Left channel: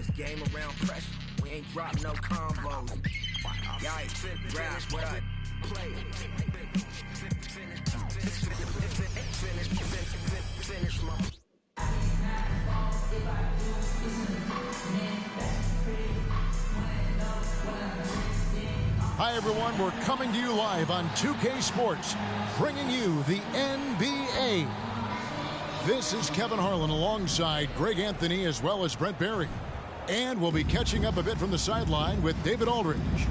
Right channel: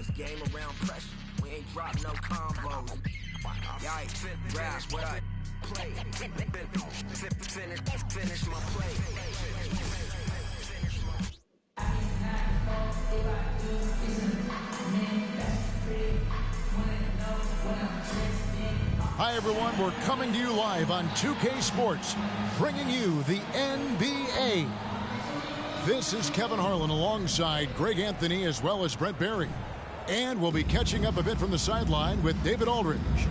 this game around pressure. We ain't dropped no combos. Yikes, grasp what I play. Finish my play. Finish my. Hi, everyone. We're coming to you live on 2K Sports, bringing you the NBA. This is Kevin Harlan alongside Greg Anthony as well as Brent Barry. And we'll be catching up a bit from the sideline with David Aldridge.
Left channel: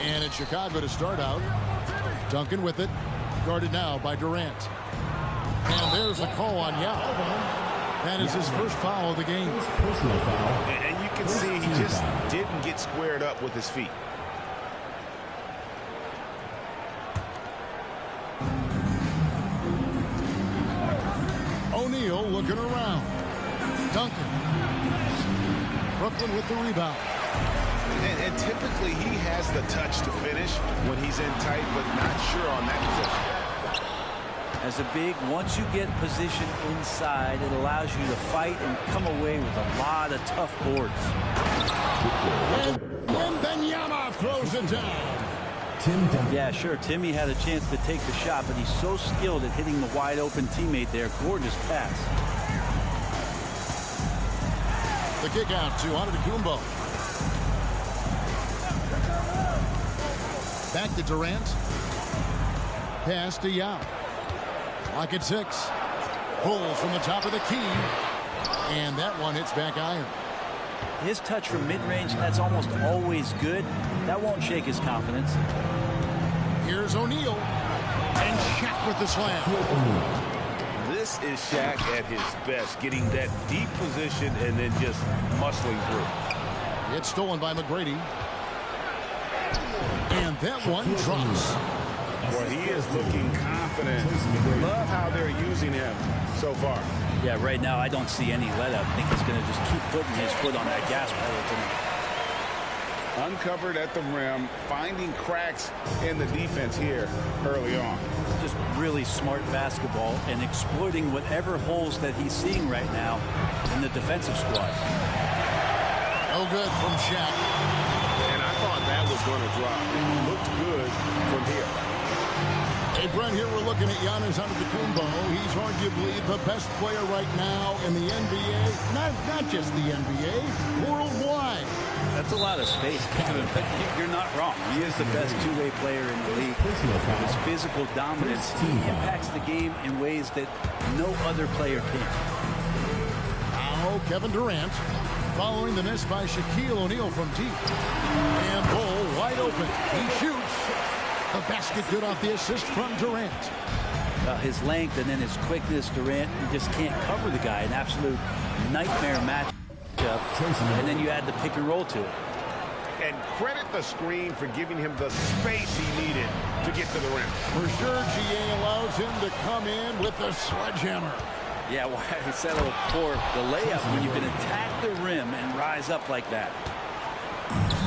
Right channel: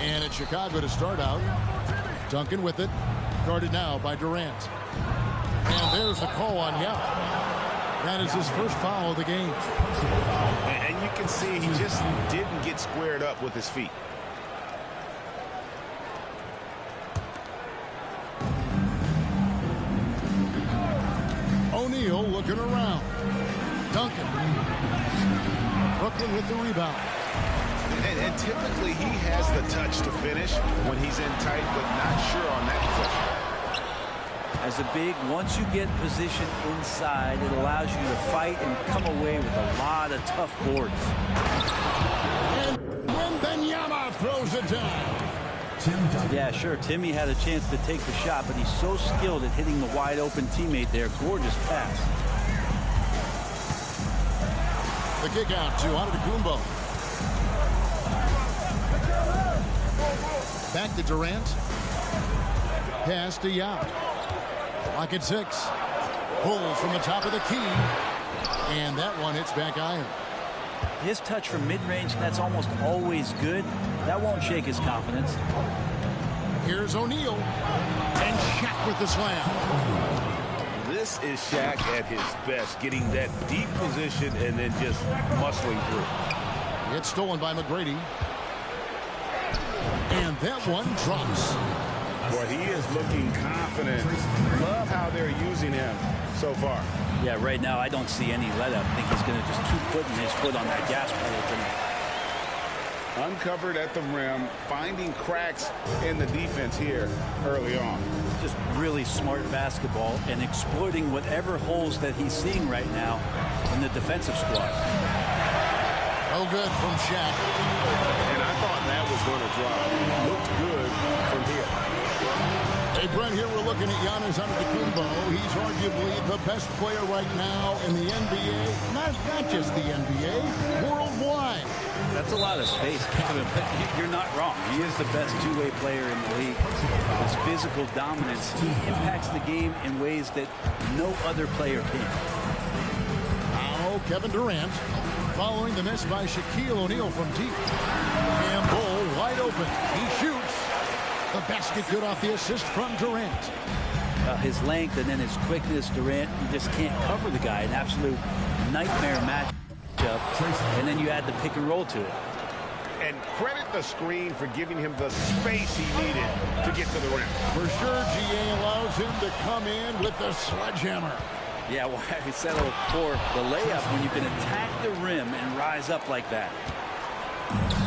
And it's Chicago to start out. Duncan with it. Guarded now by Durant. And there's the call on Yao. That is his first foul of the game. And you can see he just didn't get squared up with his feet. O'Neal looking around. Duncan. Brooklyn with the rebound. And typically he has the touch to finish when he's in tight, but not sure on that possession. As a big, once you get position inside, it allows you to fight and come away with a lot of tough boards. And Wembanyama throws it down. Yeah, sure, Timmy had a chance to take the shot, but he's so skilled at hitting the wide open teammate there. Gorgeous pass. The kick out to Antetokounmpo. Back to Durant. Pass to Yao. Lock at 6. Pulls from the top of the key. And that one hits back iron. His touch from mid-range, that's almost always good. That won't shake his confidence. Here's O'Neal. And Shaq with the slam. This is Shaq at his best, getting that deep position and then just muscling through. It's stolen by McGrady. And that one drops. Boy, he is looking confident. Love how they're using him so far. Yeah, right now I don't see any let-up. I think he's going to just keep putting his foot on that gas pedal tonight. Uncovered at the rim, finding cracks in the defense here early on. Just really smart basketball and exploiting whatever holes that he's seeing right now in the defensive squad. No good from Shaq. And I thought that was going to drop. It looked good from here. Hey, Brent, here we're looking at Giannis Antetokounmpo. He's arguably the best player right now in the NBA. Not just the NBA, worldwide. That's a lot of space, Kevin, but you're not wrong. He is the best two-way player in the league. With his physical dominance, he impacts the game in ways that no other player can. Now, Kevin Durant, following the miss by Shaquille O'Neal from deep. And Bull wide open. He shoots. The basket good off the assist from Durant. His length and then his quickness, Durant, you just can't cover the guy. An absolute nightmare matchup. And then you add the pick and roll to it. And credit the screen for giving him the space he needed to get to the rim. For sure, GA allows him to come in with the sledgehammer. Yeah, why settle for the layup when you can attack the rim and rise up like that?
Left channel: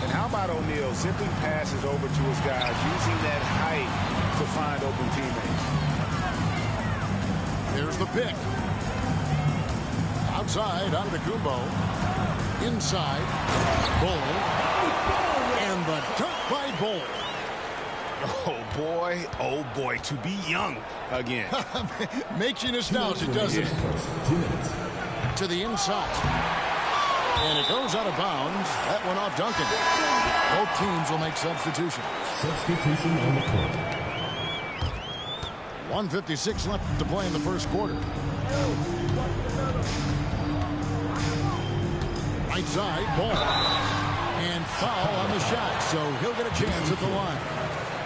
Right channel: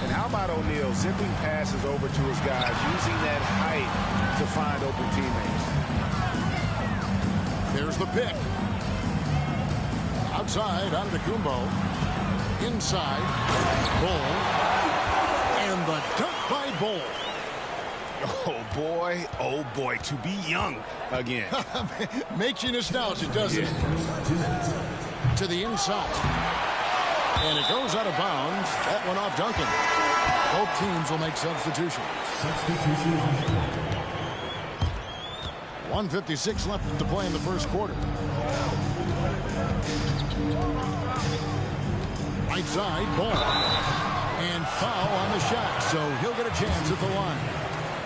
And how about O'Neal zipping passes over to his guys, using that height to find open teammates. There's the pick. Outside, Antetokounmpo. Inside, Bull. And the dunk by Bull. Oh boy, to be young again. Makes you nostalgic, doesn't it? To the inside. And it goes out of bounds. That one off Duncan. Both teams will make substitutions. Substitution on the court. 1:56 left to play in the first quarter. Right side, Ball. And foul on the shot, so he'll get a chance at the line.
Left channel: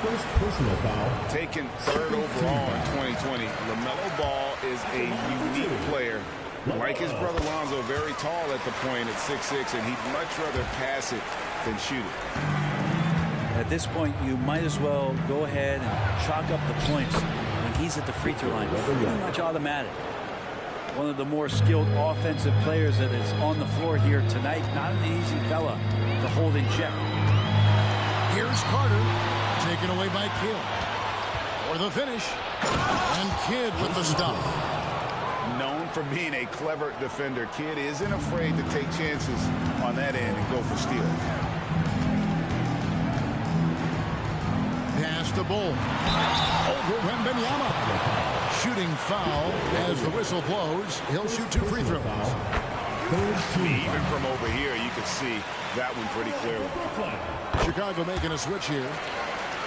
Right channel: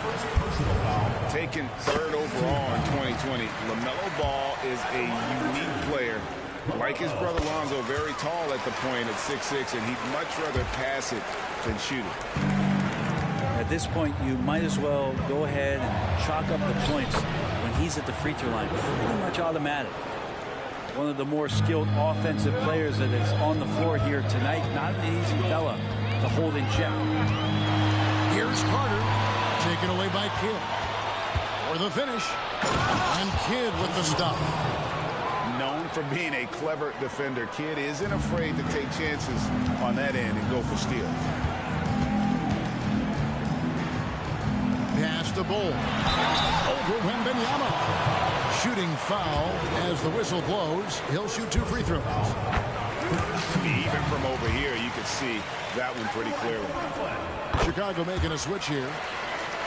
First personal foul. Taken third overall in 2020, LaMelo Ball is a unique player. Like his brother Lonzo, very tall at the point at 6'6", and he'd much rather pass it than shoot it. At this point, you might as well go ahead and chalk up the points when he's at the free throw line. Pretty much automatic. One of the more skilled offensive players that is on the floor here tonight. Not an easy fella to hold in check. Here's Carter, taken away by Kidd. For the finish, and Kidd with the stuff. known for being a clever defender. Kidd isn't afraid to take chances on that end and go for steals. Pass to Bull. Over Wembanyama. Shooting foul as the whistle blows. He'll shoot 2 free throws. Even from over here, you could see that one pretty clearly. Chicago making a switch here.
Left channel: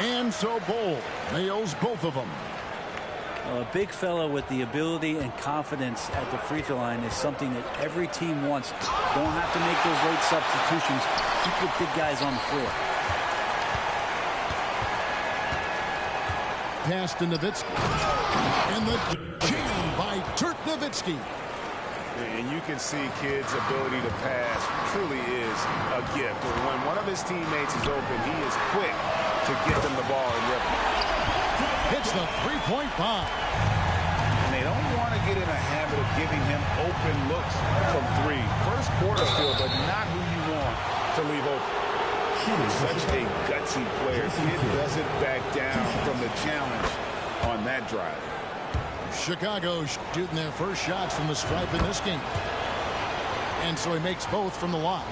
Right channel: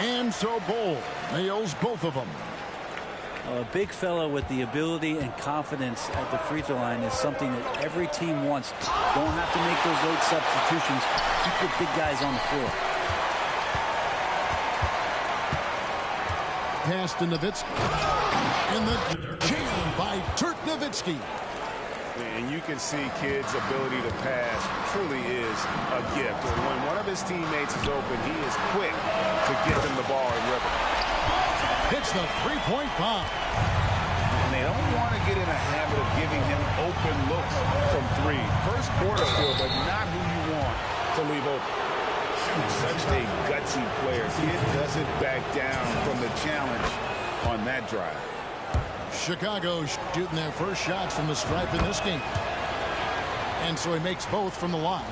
And so Bull nails both of them. A big fella with the ability and confidence at the free throw line is something that every team wants. Don't have to make those late substitutions. Keep your big guys on the floor. Pass to Nowitzki. And the jam by Dirk Nowitzki. And you can see Kidd's ability to pass truly is a gift. When one of his teammates is open, he is quick to get them the ball in rhythm. Hits the three-point bomb. And they don't want to get in a habit of giving him open looks from 3. First quarter feel, but not who you want to leave open. Such a gutsy player. Kidd doesn't back down from the challenge on that drive. Chicago shooting their first shots from the stripe in this game. And so he makes both from the line.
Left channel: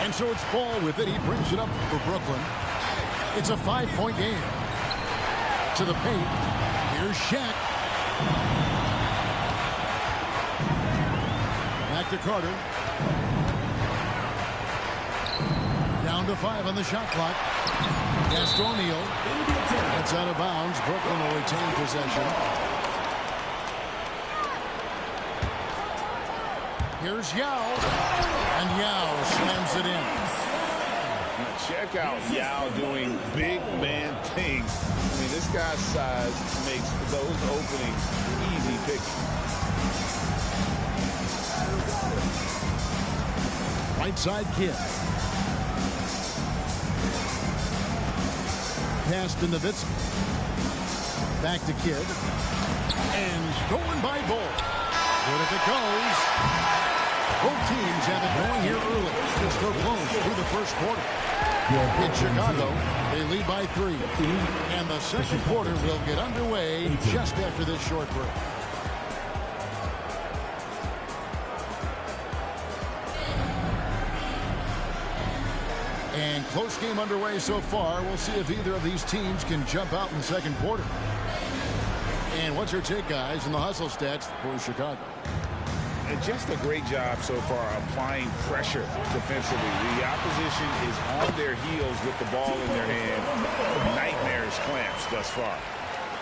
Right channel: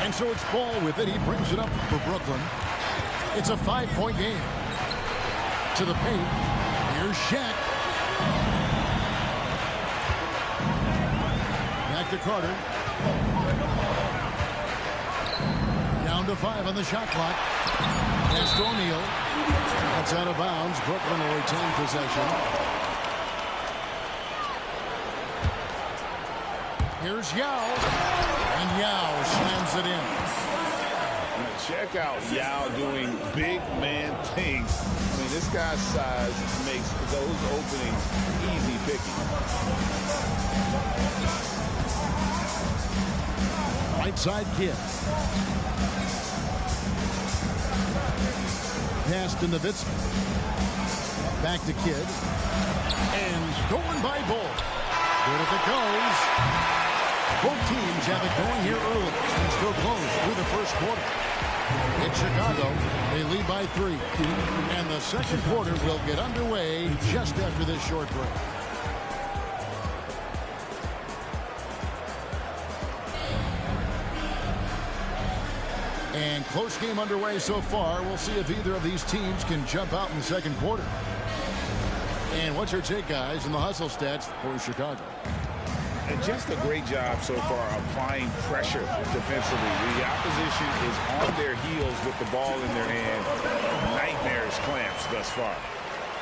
And so it's Ball with it. He brings it up for Brooklyn. It's a 5-point game. To the paint. Here's Shaq. Back to Carter. Down to 5 on the shot clock. Pass to O'Neal. That's out of bounds. Brooklyn will retain possession. Here's Yao. And Yao slams it in. Now check out Yao doing big man things. I mean, this guy's size makes those openings easy picking. Right side Kidd. Pass to Nowitzki. Back to Kidd. And stolen by Bull. Good if it goes. Both teams have it going here early and still close through the first quarter. In Chicago, they lead by 3. And the second quarter will get underway just after this short break. And close game underway so far. We'll see if either of these teams can jump out in the second quarter. And what's your take, guys, in the hustle stats for Chicago? And just a great job so far applying pressure defensively. The opposition is on their heels with the ball in their hand. Nightmarish clamps thus far.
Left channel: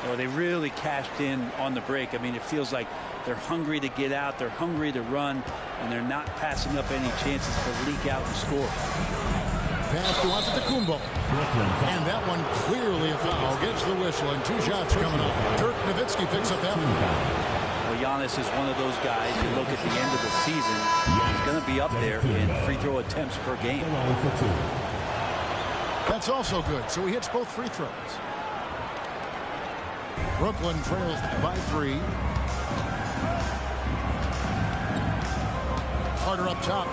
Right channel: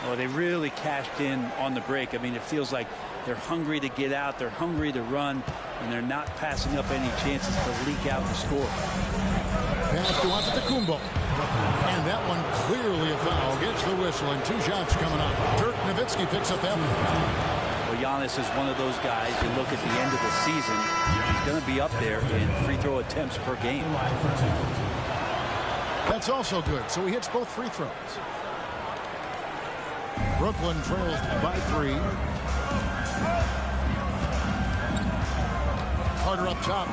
Oh, they really cashed in on the break. I mean, it feels like they're hungry to get out. They're hungry to run. And they're not passing up any chances to leak out and score. Pass to Antetokounmpo. And that one clearly a foul. Gets the whistle and 2 shots coming up. Dirk Nowitzki picks up that one. Well, Giannis is one of those guys. You look at the end of the season, he's going to be up there in free throw attempts per game. That's also good. So he hits both free throws. Brooklyn trails by 3. Carter up top.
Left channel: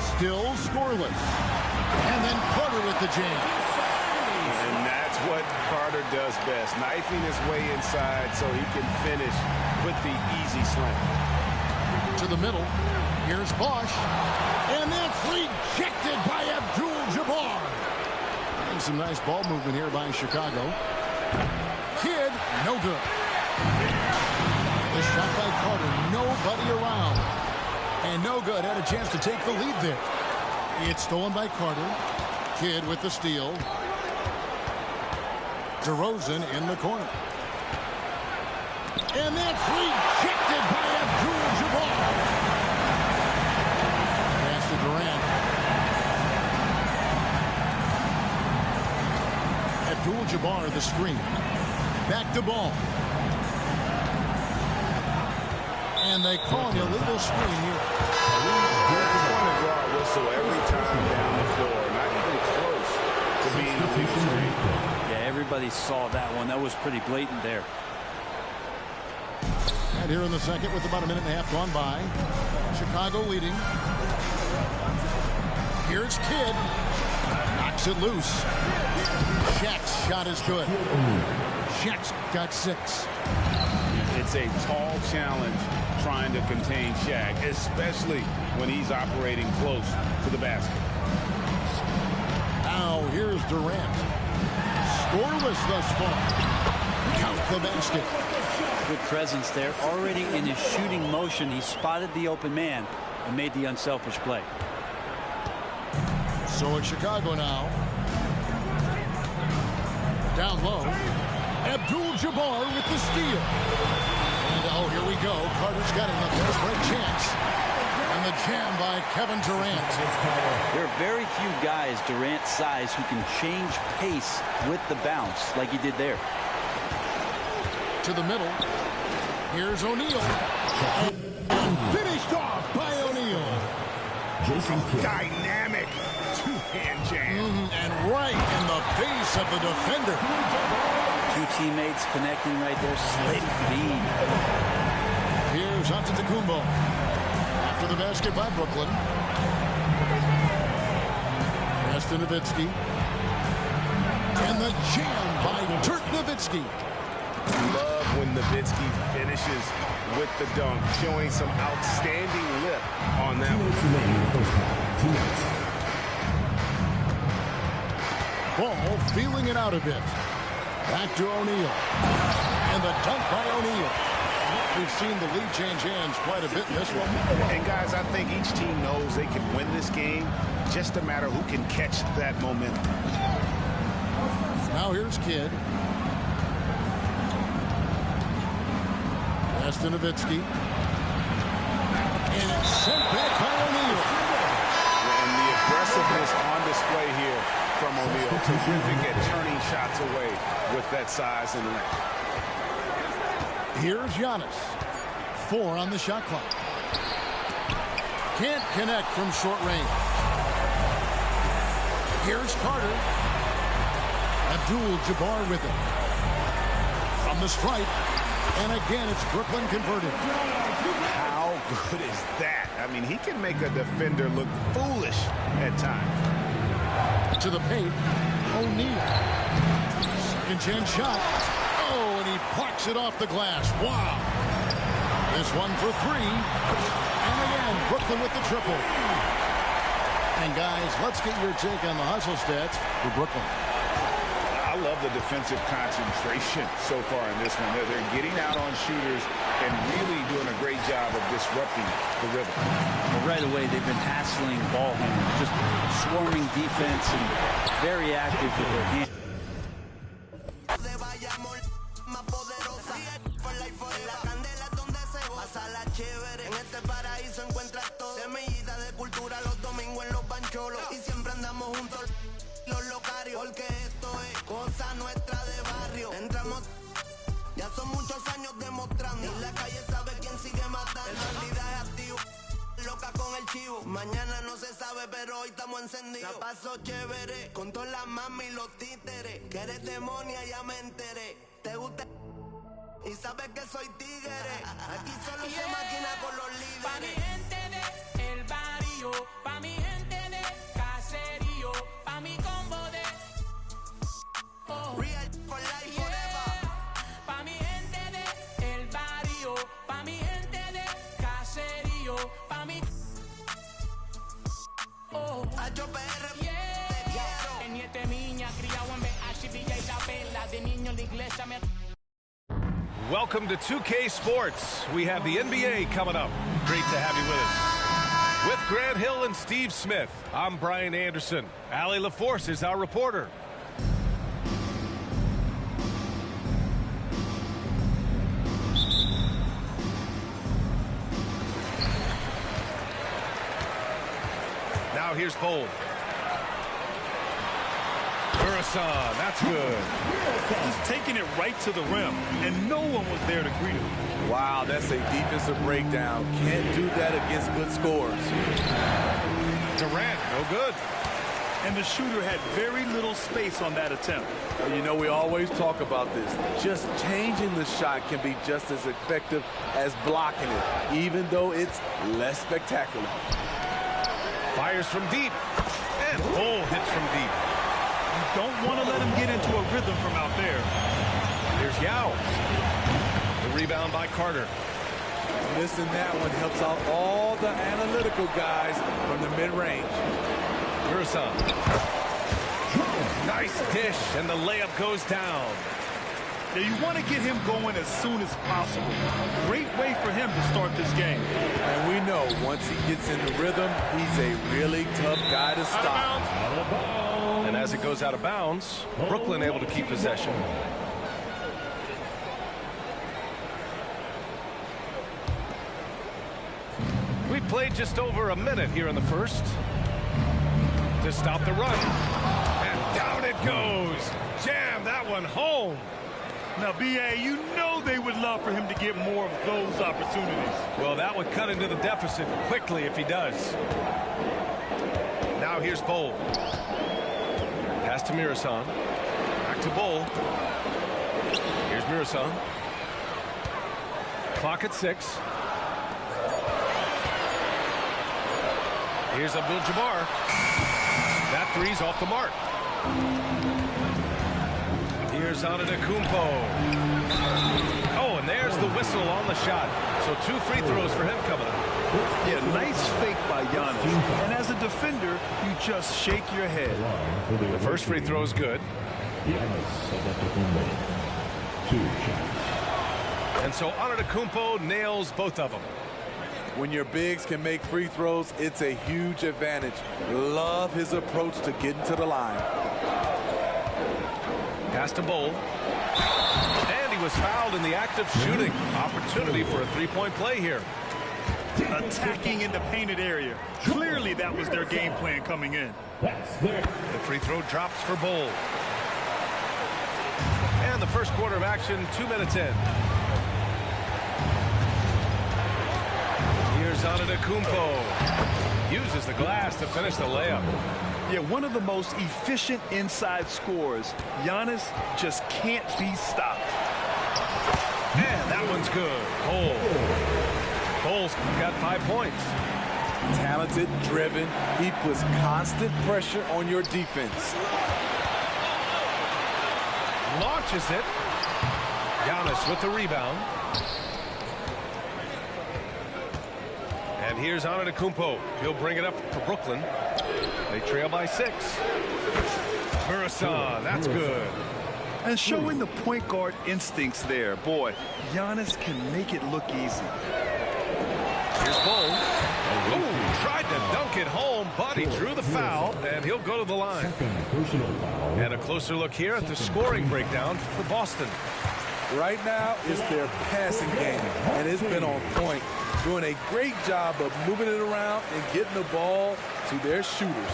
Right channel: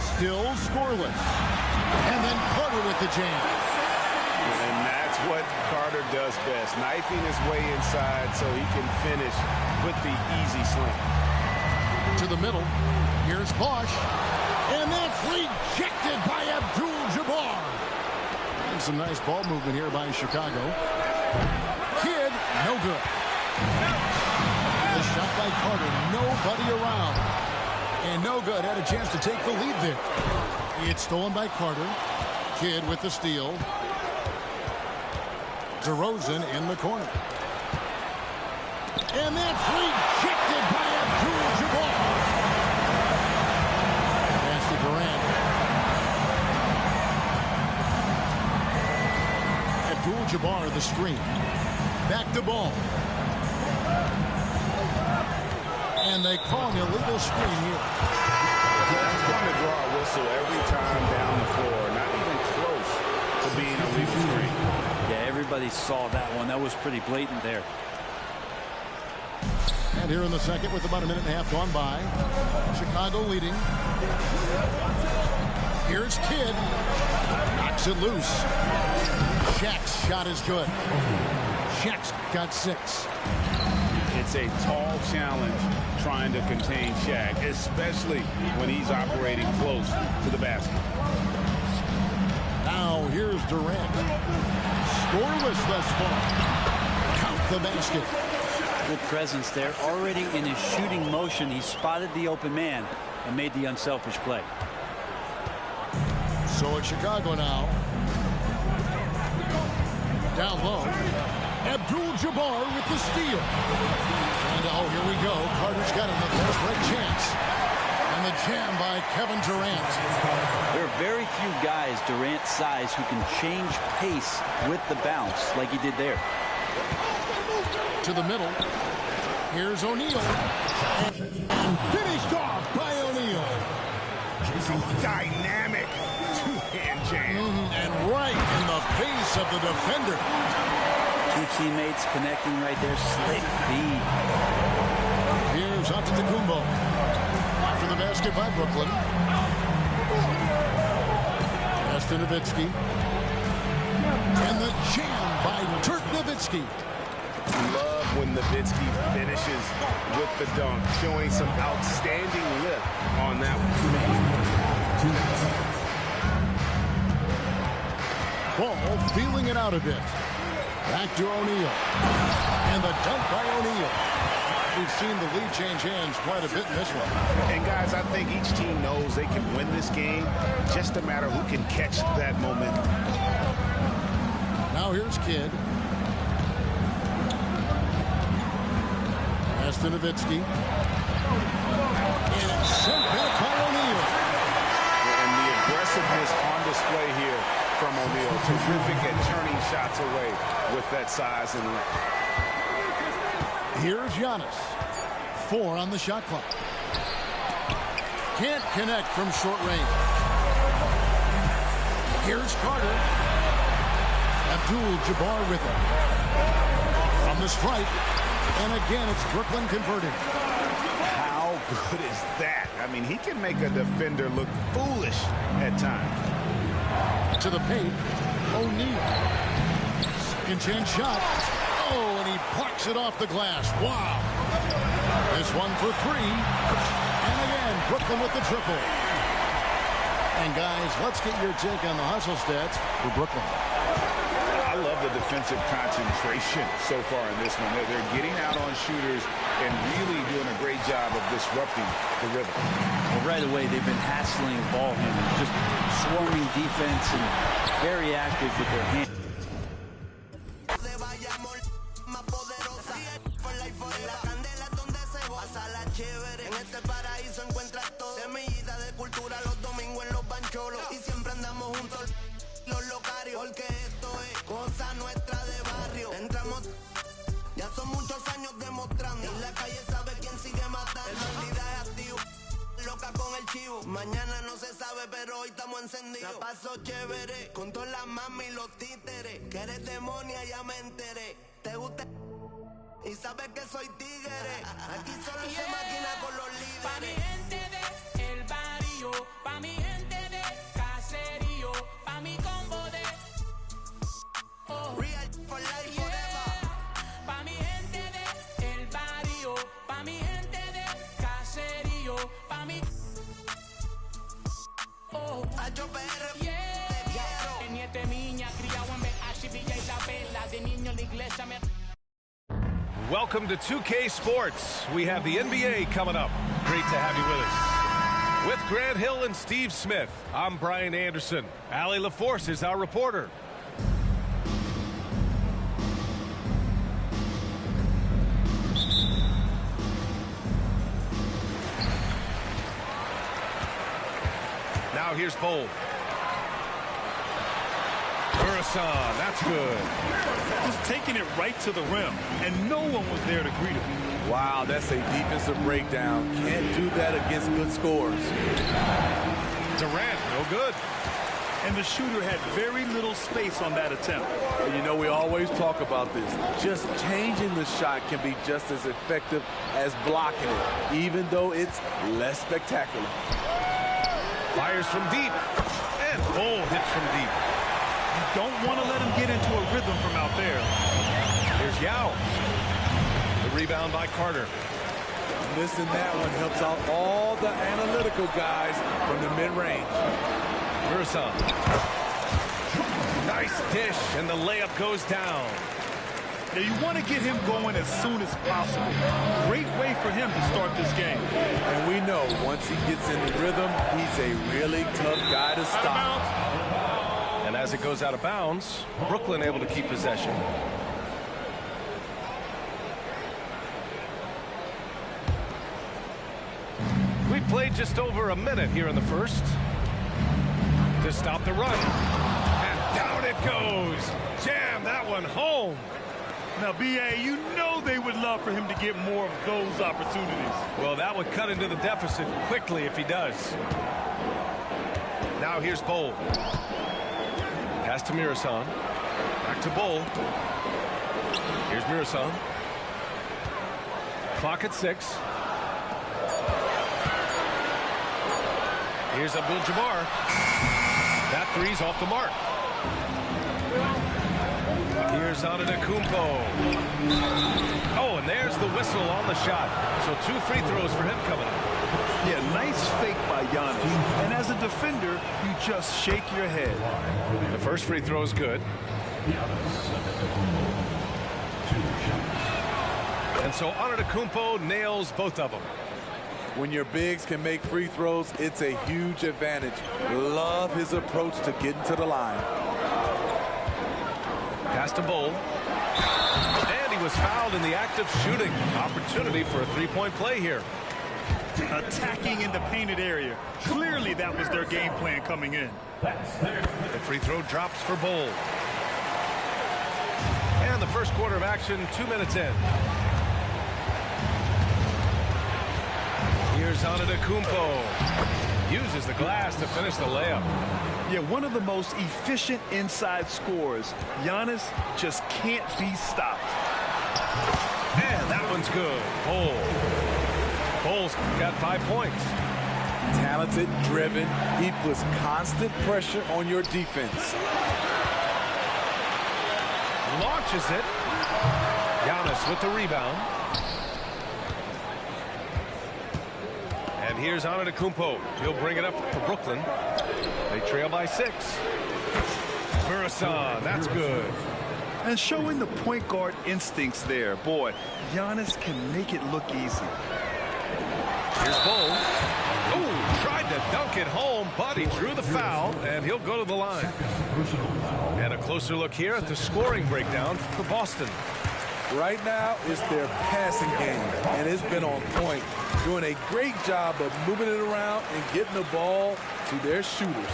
Still scoreless. And then Carter with the jam. And that's what Carter does best. Knifing his way inside so he can finish with the easy slam. To the middle. Here's Bosch. And that's rejected by Abdul-Jabbar. And some nice ball movement here by Chicago. Kidd, no good. The shot by Carter, nobody around. And no good, had a chance to take the lead there. It's stolen by Carter. Kidd with the steal. DeRozan in the corner. And that's rejected by Abdul-Jabbar. Pass to Durant. Abdul-Jabbar the screen. Back to Ball. And they call an illegal screen here. That's going to draw a whistle every time down the floor. Not even close to being a legal screen. Yeah, everybody saw that one. That was pretty blatant there. And here in the second with about a minute and a half gone by. Chicago leading. Here's Kidd. Knocks it loose. Shaq's shot is good. Shaq's got 6. It's a tall challenge trying to contain Shaq, especially when he's operating close to the basket. Now here's Durant. Scoreless thus far. Count the basket. Good presence there. Already in his shooting motion, he spotted the open man and made the unselfish play. So it's Chicago now. Down low. Abdul-Jabbar with the steal. And oh, here we go. Carter's got it in the fast break chance. And the jam by Kevin Durant. There are very few guys Durant's size who can change pace with the bounce like he did there. To the middle. Here's O'Neal. And finished off by O'Neal. Dynamic two-hand jam. And right in the face of the defender. Two teammates connecting right there. Slick feed. Here's Antetokounmpo. After the basket by Brooklyn. Pass to Nowitzki. And the jam by Dirk Nowitzki. Love when Nowitzki finishes with the dunk, showing some outstanding lift on that one. Ball feeling it out a bit. Back to O'Neal. And the dunk by O'Neal. We've seen the lead change hands quite a bit in this one. And guys, I think each team knows they can win this game. Just a matter who can catch that momentum. Now here's Kidd. Pass to Nowitzki. And it's sent back by O'Neal. And the aggressiveness on display here from O'Neal. Terrific at turning shots away with that size and length. Here's Giannis. 4 on the shot clock. Can't connect from short range. Here's Carter. Abdul-Jabbar with it. From the stripe. And again, it's Brooklyn converting. How good is that? I mean, he can make a defender look foolish at times. To the paint. O'Neal. Second chance shot. Oh, and he plucks it off the glass. Wow. This one for 3. And again, Brooklyn with the triple. And guys, let's get your take on the hustle stats for Brooklyn. I love the defensive concentration so far in this one. They're getting out on shooters and really doing a great job of disrupting the rhythm. Well, right away, they've been hassling ball handlers, just swarming defense and very active with their hands. En este paraíso encuentras todo. Semillita de cultura los domingos en los bancholos. Y siempre andamos juntos los locarios. Porque esto es cosa nuestra de barrio. Entramos, ya son muchos años demostrando. Y la calle sabe quién sigue matando. El bandidaje activo, loca con el chivo. Mañana no se sabe, pero hoy estamos encendidos. La paso chévere, con todas las mami y los títeres. Que eres demonia, ya me enteré. Te gusta y sabes que soy tigre. Aquí solo se maquina con los líderes. Pa' mi gente de el barrio, pa' mi gente de caserío, pa' mi combo de Real for life forever. Pa' mi gente de el barrio, pa' mi gente de caserío, pa' mi HPR, te yeah. quiero. En niete miña, criado en BH, Villa y La Vela. De niño la iglesia me... Welcome to 2K Sports. We have the NBA coming up. Great to have you with us. With Grant Hill and Steve Smith, I'm Brian Anderson. Allie LaForce is our reporter. Now here's Bowl. Burrison, that's good. Just taking it right to the rim, and no one was there to greet him. Wow, that's a defensive breakdown. Can't do that against good scores. Durant, no good. And the shooter had very little space on that attempt. And you know, we always talk about this. Just changing the shot can be just as effective as blocking it, even though it's less spectacular. Fires from deep, and Bull hits from deep. You don't want to let him get into a rhythm from out there. Here's Yao. The rebound by Carter. Missing that one helps out all the analytical guys from the mid-range. Murson. Nice dish, and the layup goes down. Now you want to get him going as soon as possible. Great way for him to start this game. And we know once he gets in the rhythm, he's a really tough guy to stop. And as it goes out of bounds, Brooklyn able to keep possession. We played just over a minute here in the first to stop the run. And down it goes. Jam that one home. Now, B.A., you know they would love for him to get more of those opportunities. Well, that would cut into the deficit quickly if he does. Now here's Bowl. Pass to Murson. Back to Bowl. Here's Murson. Clock at 6. Here's Abdul-Jabbar. That three's off the mark. Here's Antetokounmpo. Oh, and there's the whistle on the shot. So 2 free throws for him coming up. Yeah, nice fake by Giannis. And as a defender, you just shake your head. The first free throw is good. And so Antetokounmpo nails both of them. When your bigs can make free throws, it's a huge advantage. Love his approach to getting to the line. Pass to Bowl. And he was fouled in the act of shooting. Opportunity for a three-point play here. Attacking in the painted area. Clearly that was their game plan coming in. The free throw drops for Bowl. And the first quarter of action, 2 minutes in. Here's Antetokounmpo. Uses the glass to finish the layup. Yeah, one of the most efficient inside scorers. Giannis just can't be stopped. And that one's good. Bowl's got 5 points. Talented, driven. He puts constant pressure on your defense. Launches it. Giannis with the rebound. And here's Antetokounmpo. He'll bring it up for Brooklyn. They trail by 6. Murson, that's good. And showing the point guard instincts there. Boy, Giannis can make it look easy. Here's Bowl. Oh, tried to dunk it home, but he drew the foul, and he'll go to the line. And a closer look here at the scoring breakdown for Boston. Right now, it's their passing game, and it's been on point. Doing a great job of moving it around and getting the ball to their shooters.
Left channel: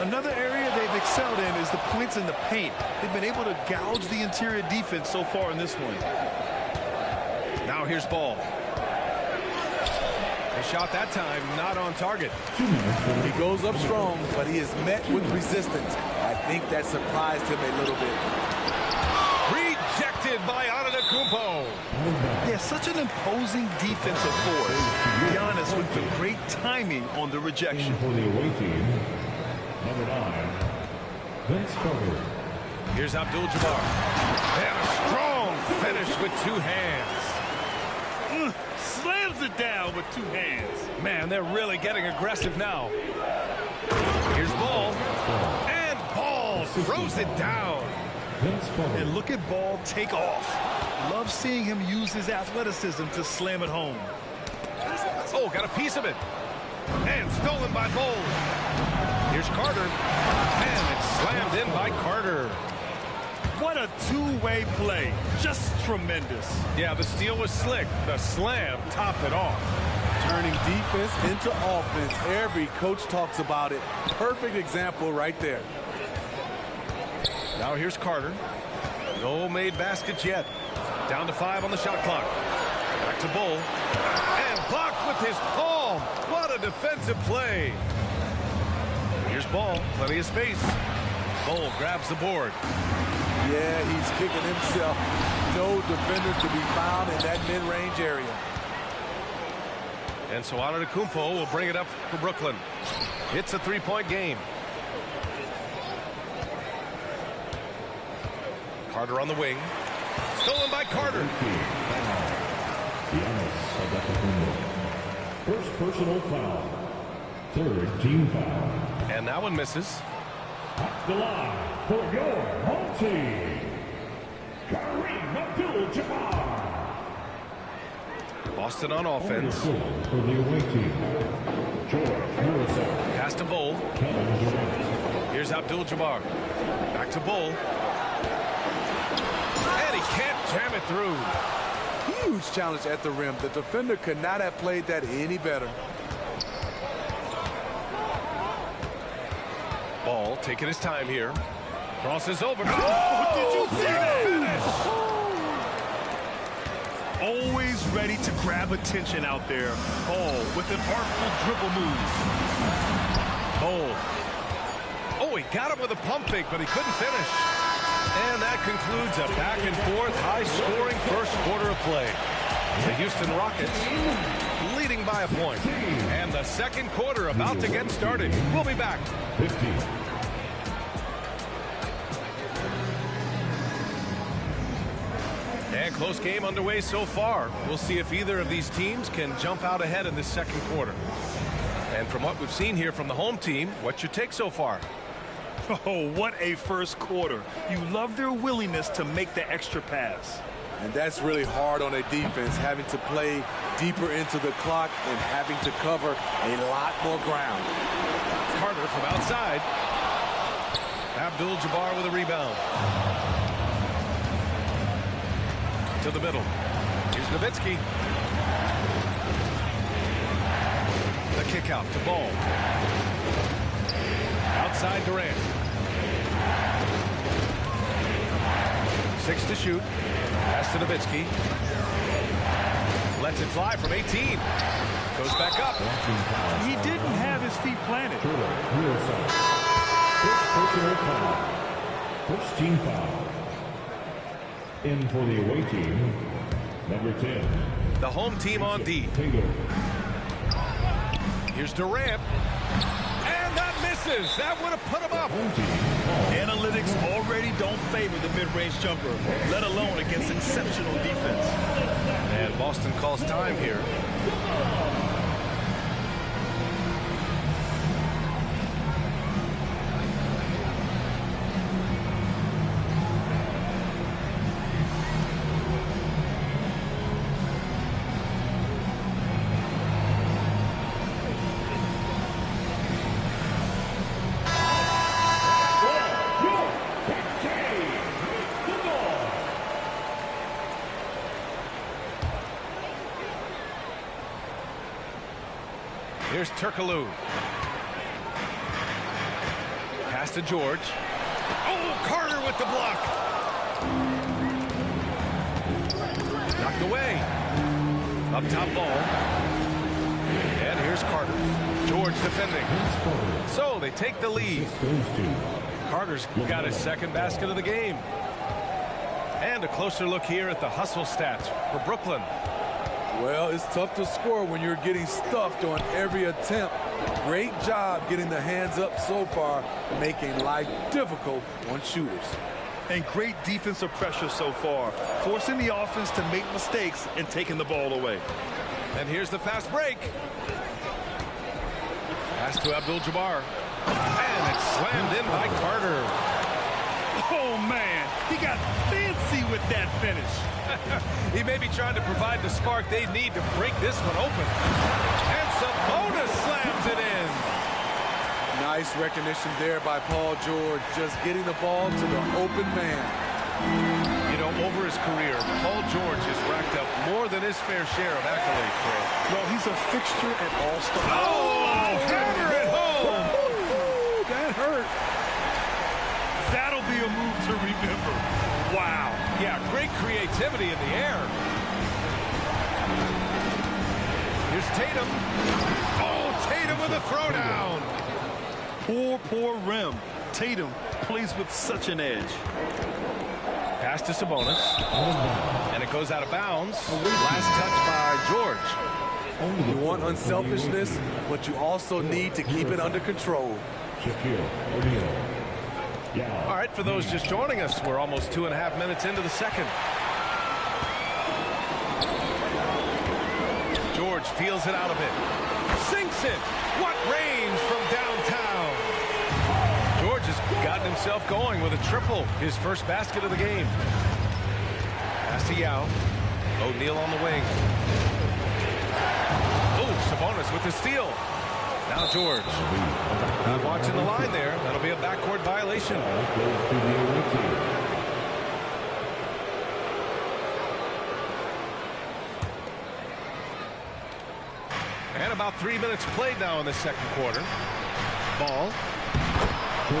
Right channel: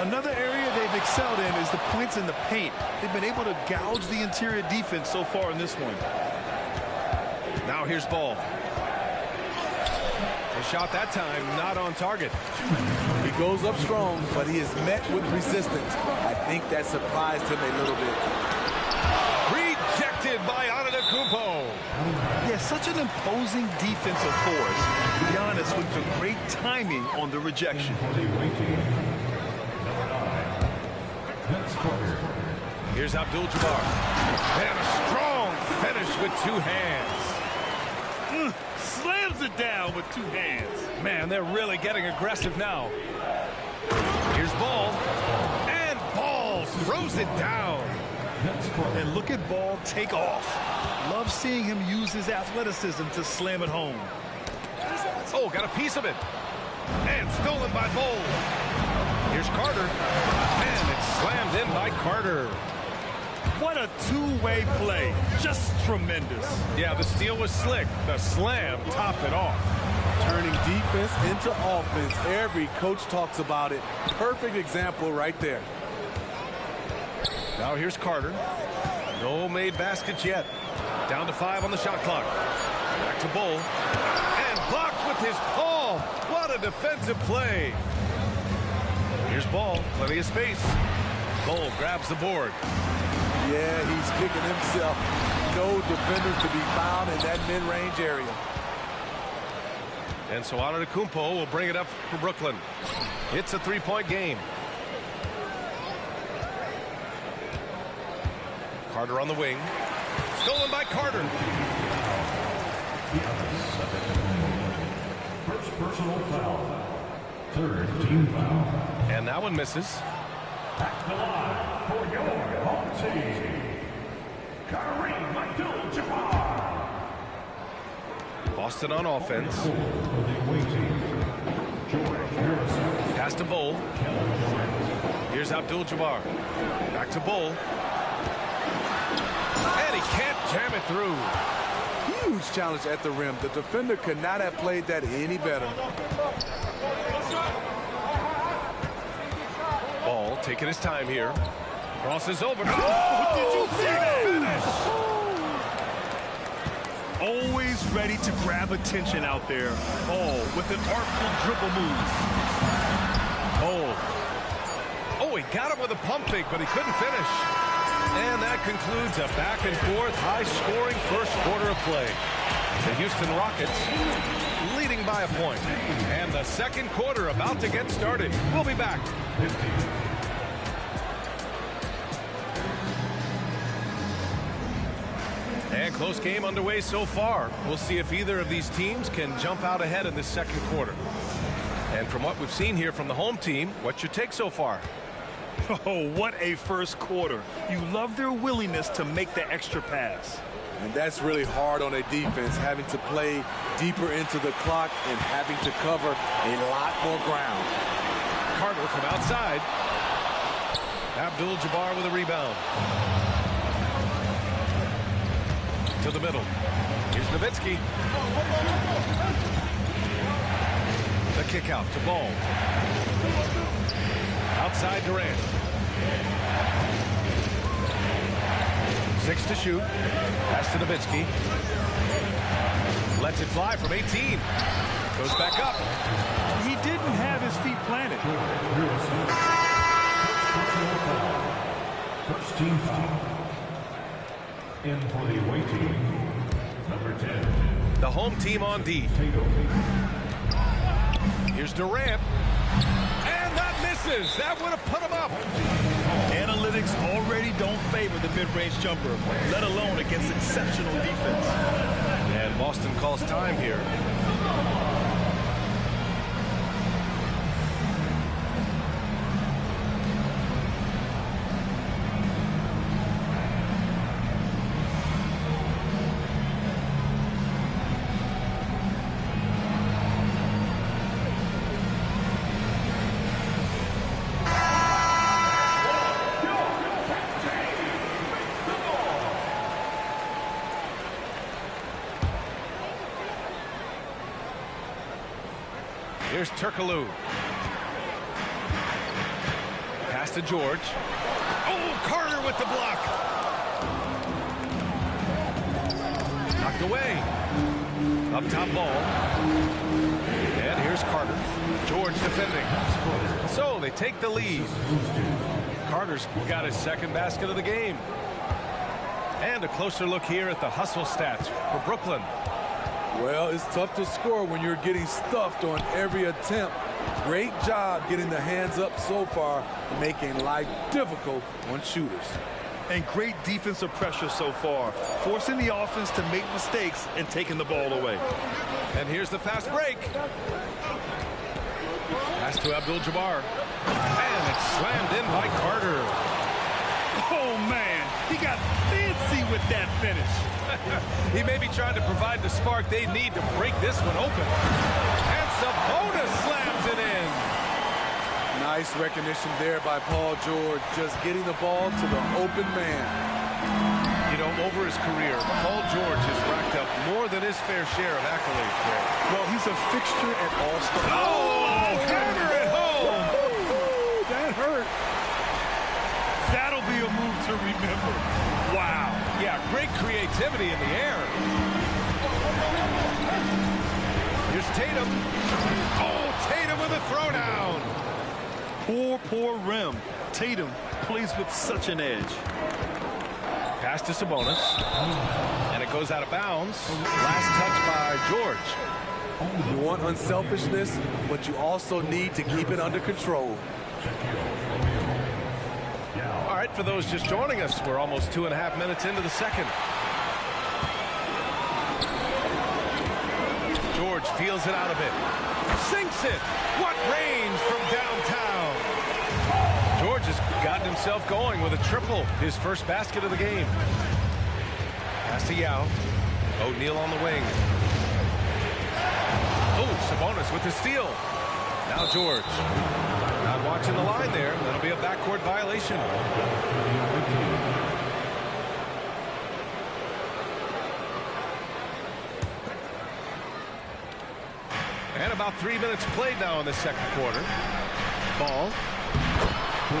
Another area they've excelled in is the points in the paint. They've been able to gouge the interior defense so far in this one. Now here's Ball. The shot that time not on target. He goes up strong, but he is met with resistance. I think that surprised him a little bit. Rejected by Antetokounmpo. Yeah, such an imposing defensive force. Giannis with the great timing on the rejection. Here's Abdul-Jabbar. And a strong finish with 2 hands. Slams it down with 2 hands. Man, they're really getting aggressive now. Here's Ball. And Ball throws it down. And look at Ball take off. Love seeing him use his athleticism to slam it home. Oh, got a piece of it. And stolen by Bowl. Here's Carter. And it's slammed in by Carter. What a two-way play. Just tremendous. Yeah, the steal was slick. The slam topped it off. Turning defense into offense. Every coach talks about it. Perfect example right there. Now here's Carter. No made baskets yet. Down to 5 on the shot clock. Back to Bull. And blocked with his palm. What a defensive play. Here's Ball. Plenty of space. Bull grabs the board. Yeah, he's kicking himself. No defenders to be found in that mid-range area. And so Antetokounmpo will bring it up for Brooklyn. It's a 3-point game. Carter on the wing. Stolen by Carter. First personal foul. Third team foul. And that one misses. At the line for your home team, Kareem Abdul-Jabbar. Boston on offense. For the away team, George Harrison. Pass to Bull. Here's Abdul-Jabbar. Back to Bull. And he can't jam it through. Huge challenge at the rim. The defender could not have played that any better. Ball taking his time here. Crosses over. Oh, did you see that? Finish! Always ready to grab attention out there. Ball with an artful dribble move. Ball. Oh, he got him with a pump fake, but he couldn't finish. And that concludes a back-and-forth, high-scoring first quarter of play. The Houston Rockets leading by a point. And the second quarter about to get started. We'll be back. 50. And close game underway so far. We'll see if either of these teams can jump out ahead in this second quarter. And from what we've seen here from the home team, what's your take so far? Oh, what a first quarter. You love their willingness to make the extra pass. And that's really hard on a defense, having to play deeper into the clock and having to cover a lot more ground. Carter from outside. Abdul-Jabbar with a rebound. To the middle. Here's Nowitzki. The kick out to Ball. Outside Durant. 6 to shoot. Pass to Nowitzki. Lets it fly from 18. Goes back up. He didn't have his feet planted. First personal foul. First team foul. In for the away team, number 10. The home team on D. Here's Durant. And that misses. That would have put him up. Analytics already don't favor the mid-range jumper, let alone against exceptional defense. And Boston calls time here. Here's Turkoglu. Pass to George. Oh, Carter with the block. Knocked away. Up top Ball. And here's Carter. George defending. So they take the lead. Carter's got his second basket of the game. And a closer look here at the hustle stats for Brooklyn. Well, it's tough to score when you're getting stuffed on every attempt. Great job getting the hands up so far, making life difficult on shooters. And great defensive pressure so far, forcing the offense to make mistakes and taking the ball away. And here's the fast break. Pass to Abdul-Jabbar. And it's slammed in by Carter. Oh, man, he got fancy with that finish. He may be trying to provide the spark they need to break this one open. And Sabonis slams it in. Nice recognition there by Paul George, just getting the ball to the open man. You know, over his career, Paul George has racked up more than his fair share of accolades, Greg. Well, he's a fixture at All-Star. Oh, hammer it home. Ooh, that hurt. That'll be a move to remember. Wow. Yeah, great creativity in the air. Here's Tatum. Oh, Tatum with a throwdown. Poor rim. Tatum plays with such an edge. Pass to Sabonis. And it goes out of bounds. Last touch by George. You want unselfishness, but you also need to keep it under control. All right, for those just joining us, we're almost 2.5 minutes into the second. George feels it out a bit. Sinks it. What range from downtown. George has gotten himself going with a triple. His first basket of the game. Pass to Yao. O'Neal on the wing. Oh, Sabonis with the steal. Now George. Not watching the line there. That'll be a backcourt violation. And about 3 minutes played now in the second quarter. Ball.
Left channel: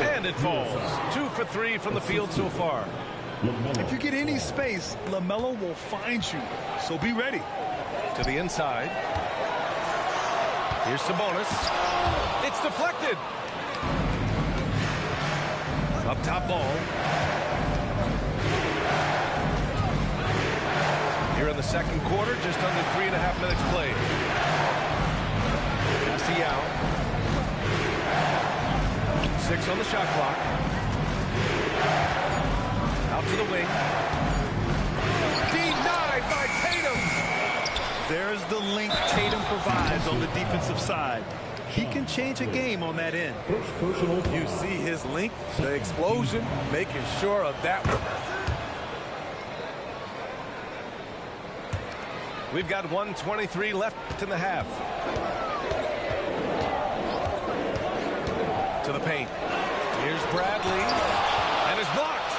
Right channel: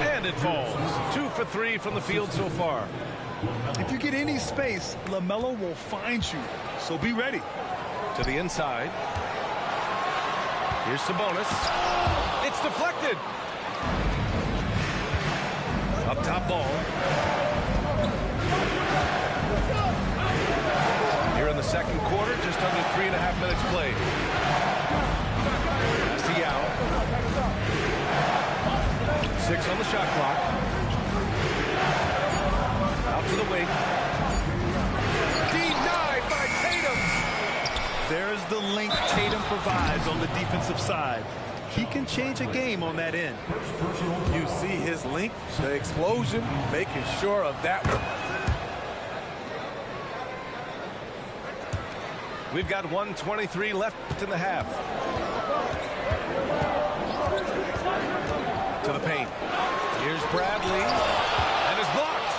And it falls. 2 for 3 from the field so far. If you get any space, LaMelo will find you. So be ready. To the inside. Here's Sabonis. It's deflected. Up top ball. Here in the second quarter, just under 3.5 minutes played. Pass to Yao. 6 on the shot clock. Out to the wing. Denied by Tatum. There's the length Tatum provides on the defensive side. He can change a game on that end. You see his length, the explosion, making sure of that one. We've got 1:23 left in the half. To the paint. Here's Bradley. And it's blocked.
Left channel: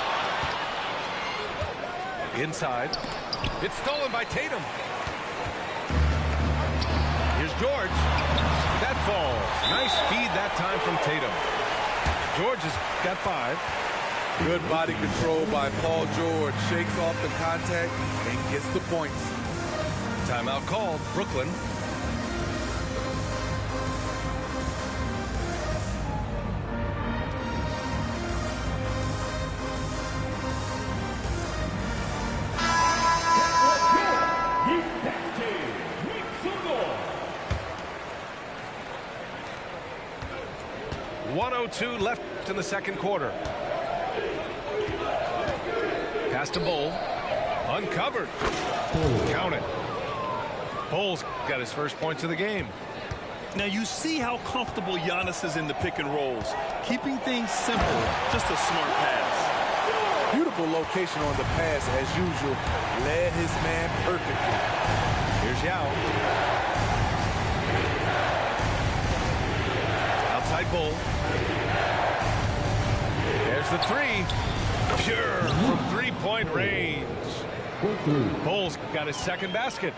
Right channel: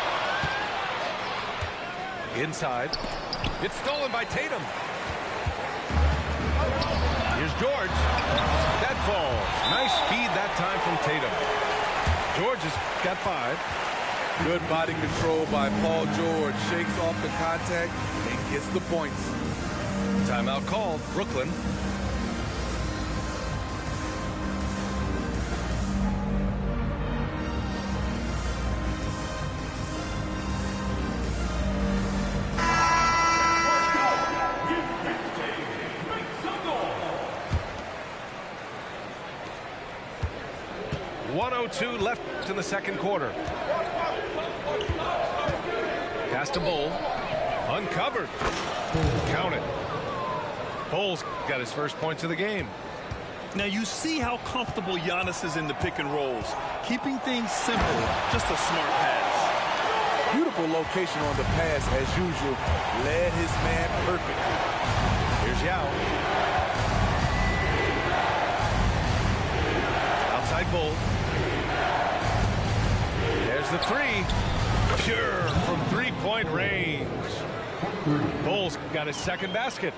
Inside. It's stolen by Tatum. Here's George. That falls. Nice feed that time from Tatum. George has got 5. Good body control by Paul George. Shakes off the contact and gets the points. Timeout called. Brooklyn. .102 left in the second quarter. Pass to Bull. Uncovered. Count it. Bull's got his first points of the game. Now you see how comfortable Giannis is in the pick and rolls. Keeping things simple. Just a smart pass. Beautiful location on the pass as usual. Led his man perfectly. Here's Yao. Outside Bull. There's the 3. Pure from 3-point range. Bull's got his second basket.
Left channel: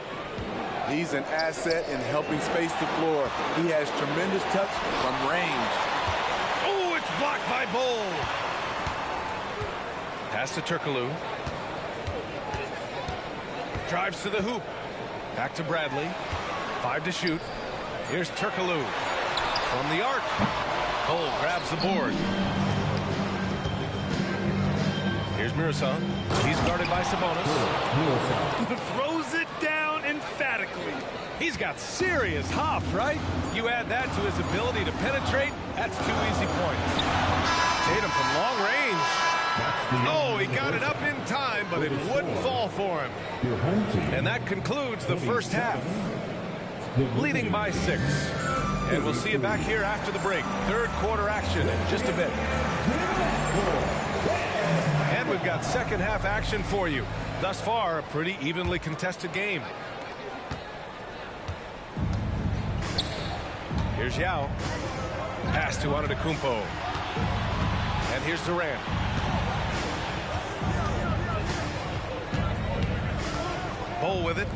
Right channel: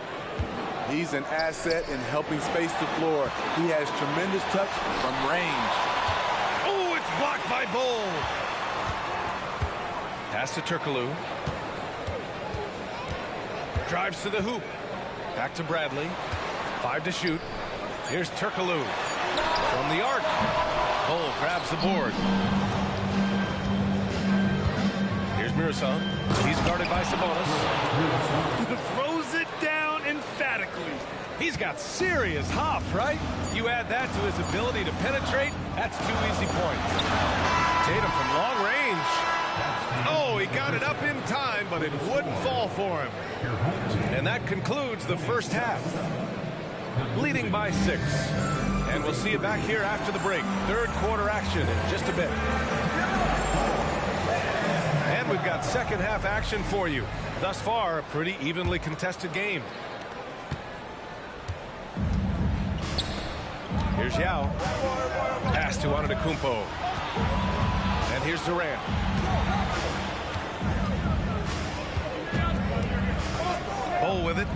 He's an asset in helping space the floor. He has tremendous touch from range. Oh, it's blocked by Bull. Pass to Turkoglu. Drives to the hoop. Back to Bradley. 5 to shoot. Here's Turkoglu. From the arc. Bull grabs the board. Here's Mirasol. He's guarded by Sabonis. Throws it down emphatically. He's got serious hops, right? You add that to his ability to penetrate, that's 2 easy points. Tatum from long range. Oh, he got it up in time, but it wouldn't fall for him. And that concludes the first half. Leading by 6. And we'll see you back here after the break. Third quarter action in just a bit. And we've got second half action for you. Thus far, a pretty evenly contested game. Here's Yao. Pass to Antetokounmpo. And here's Durant. Bull with it.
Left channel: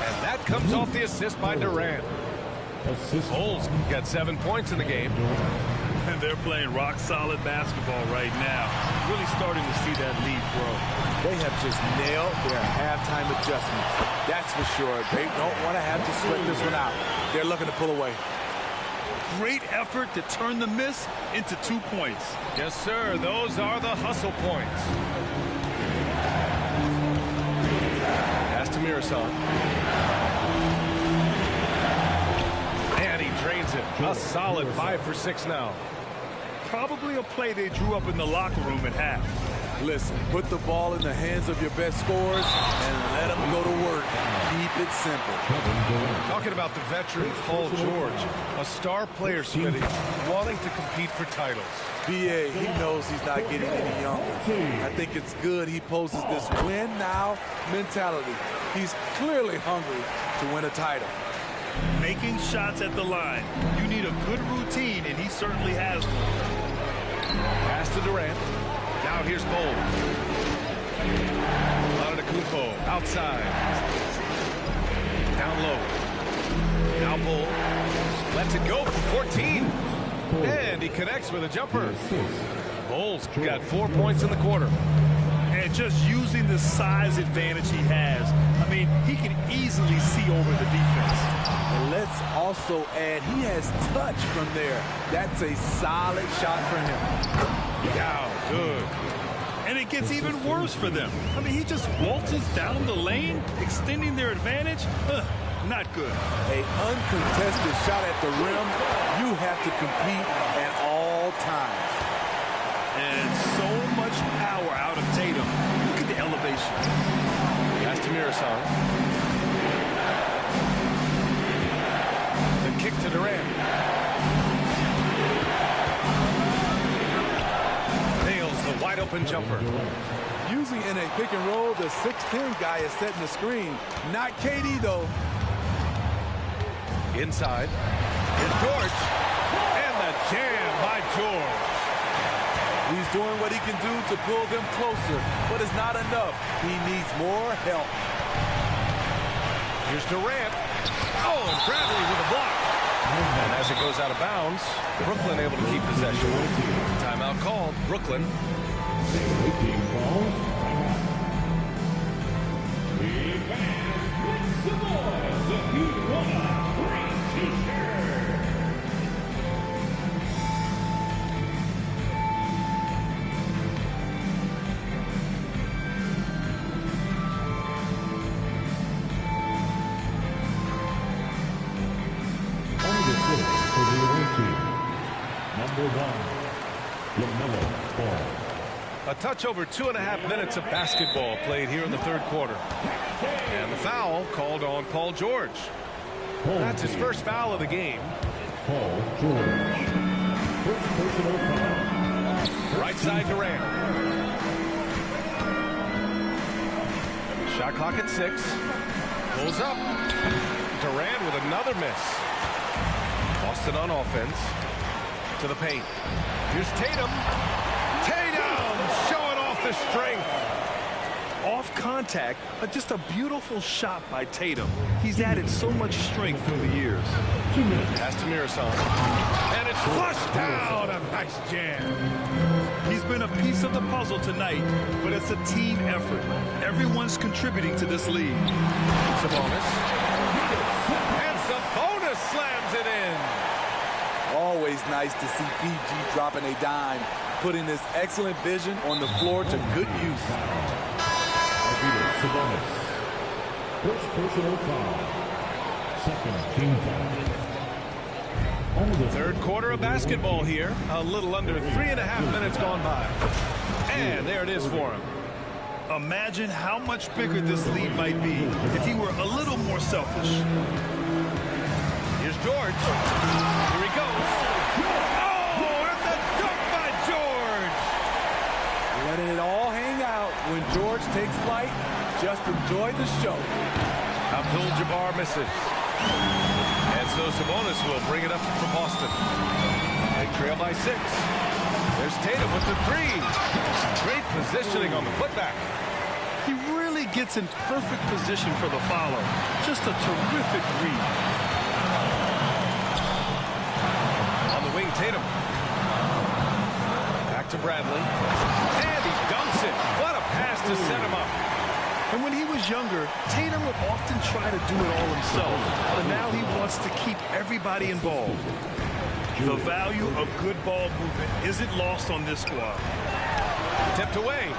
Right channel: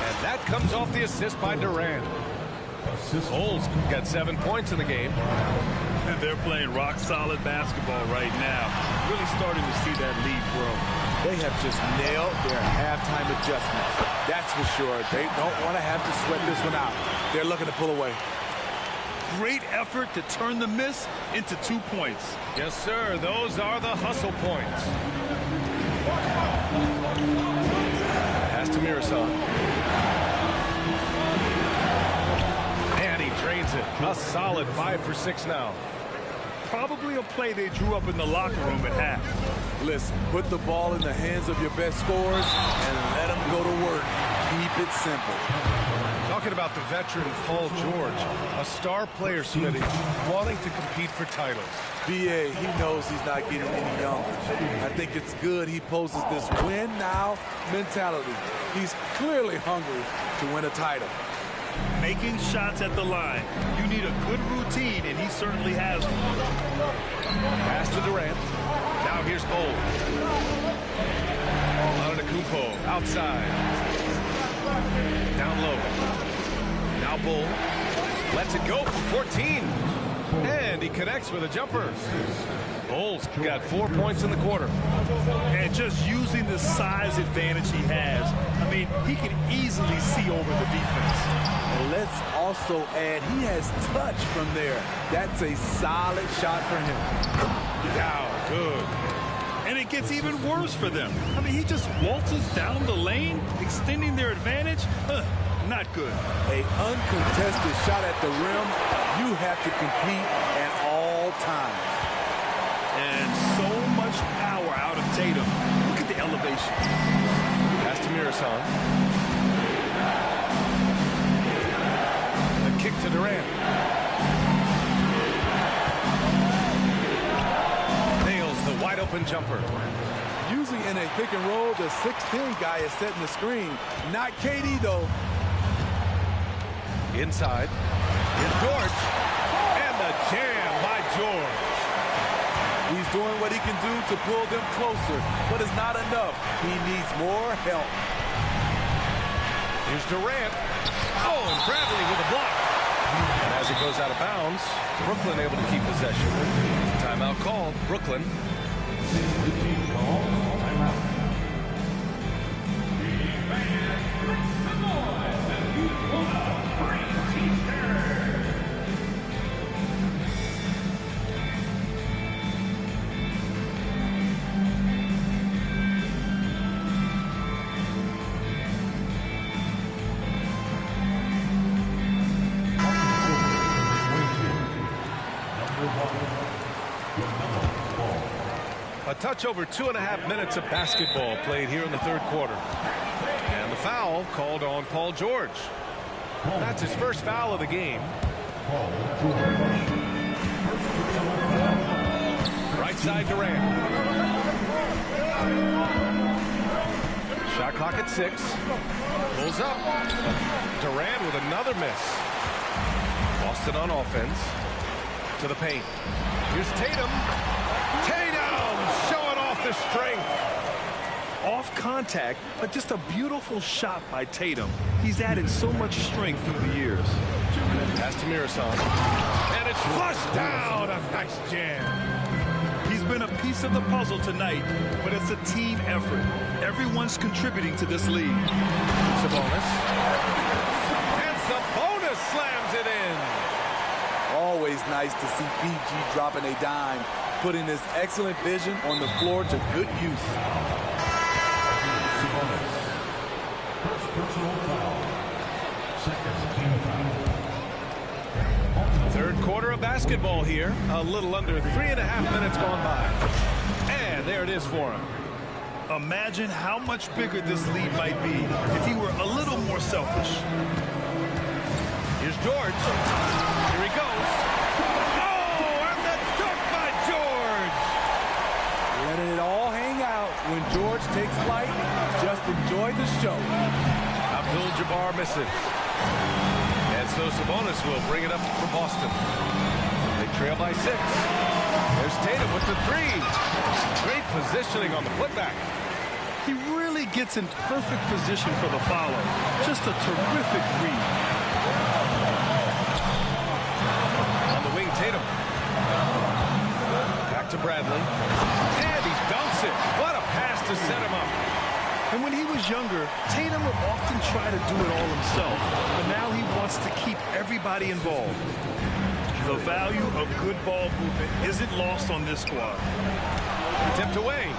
And that comes off the assist by Durant. Bull's got 7 points in the game. And they're playing rock-solid basketball right now. Really starting to see that lead grow. They have just nailed their halftime adjustments. That's for sure. They don't want to have to sweat this one out. They're looking to pull away. Great effort to turn the miss into 2 points. Yes, sir. Those are the hustle points. Pass to Mirasol. And he drains it. A solid 5 for 6 now. Probably a play they drew up in the locker room at half. Listen, put the ball in the hands of your best scorers and let them go to work. Keep it simple. Talking about the veteran Paul George, a star player, Smitty, wanting to compete for titles. B.A., he knows he's not getting any younger. I think it's good he poses this win-now mentality. He's clearly hungry to win a title. Making shots at the line. You need a good routine, and he certainly has one. Pass to Durant. Now here's Bowl. Antetokounmpo outside. Down low. Now Bowl lets it go for 14. And he connects with a jumper. Bowles got 4 points in the quarter. And just using the size advantage he has, I mean, he can easily see over the defense. And let's also add, he has touch from there. That's a solid shot for him. Down, good. And it gets even worse for them. I mean, he just waltzes down the lane, extending their advantage. Not good. An uncontested shot at the rim. You have to compete at all times. And so much power out of Tatum. Look at the elevation. Pass to Mirasan. The kick to Durant. Nails the wide open jumper. Usually in a pick and roll, the 6'10 guy is setting the screen. Not KD, though. Inside. Here's George. And the jam by George. He's doing what he can do to pull them closer, but it's not enough. He needs more help. Here's Durant. Oh, and Bradley with a block. And as it goes out of bounds, Brooklyn able to keep possession. Timeout called. Brooklyn. A touch over 2.5 minutes of basketball played here in the third quarter. And the foul called on Paul George. That's his first foul of the game. Paul George. First personal foul. Right side Durant. Shot clock at 6. Pulls up. Durant with another miss. Boston on offense. To the paint. Here's Tatum. Tatum showing off the strength. Off contact, but just a beautiful shot by Tatum. He's added so much strength through the years. Pass to Mirasan. And it's flushed down. A nice jam. He's been a piece of the puzzle tonight, but it's a team effort. Everyone's contributing to this lead. Sabonis. And Sabonis slams it in. Always nice to see PG dropping a dime, putting his excellent vision on the floor to good use. Sabonis. First personal foul. Second team foul. Third quarter of basketball here. A little under 3.5 minutes gone by. And there it is for him. Imagine how much bigger this lead might be if he were a little more selfish. Here's George. Here he goes. Oh, and the dunk by George. Letting it all hang out when George takes flight. Just enjoy the show. Abdul-Jabbar misses. And so Sabonis will bring it up for Boston. They trail by 6. There's Tatum with the 3. Great positioning on the putback. He really gets in perfect position for the follow. Just a terrific read. On the wing, Tatum. Back to Bradley. And he dunks it. What a pass to set him up. And when he was younger, Tatum would often try to do it all himself. But now he wants to keep everybody involved. The value of good ball movement isn't lost on this squad. Tipped away.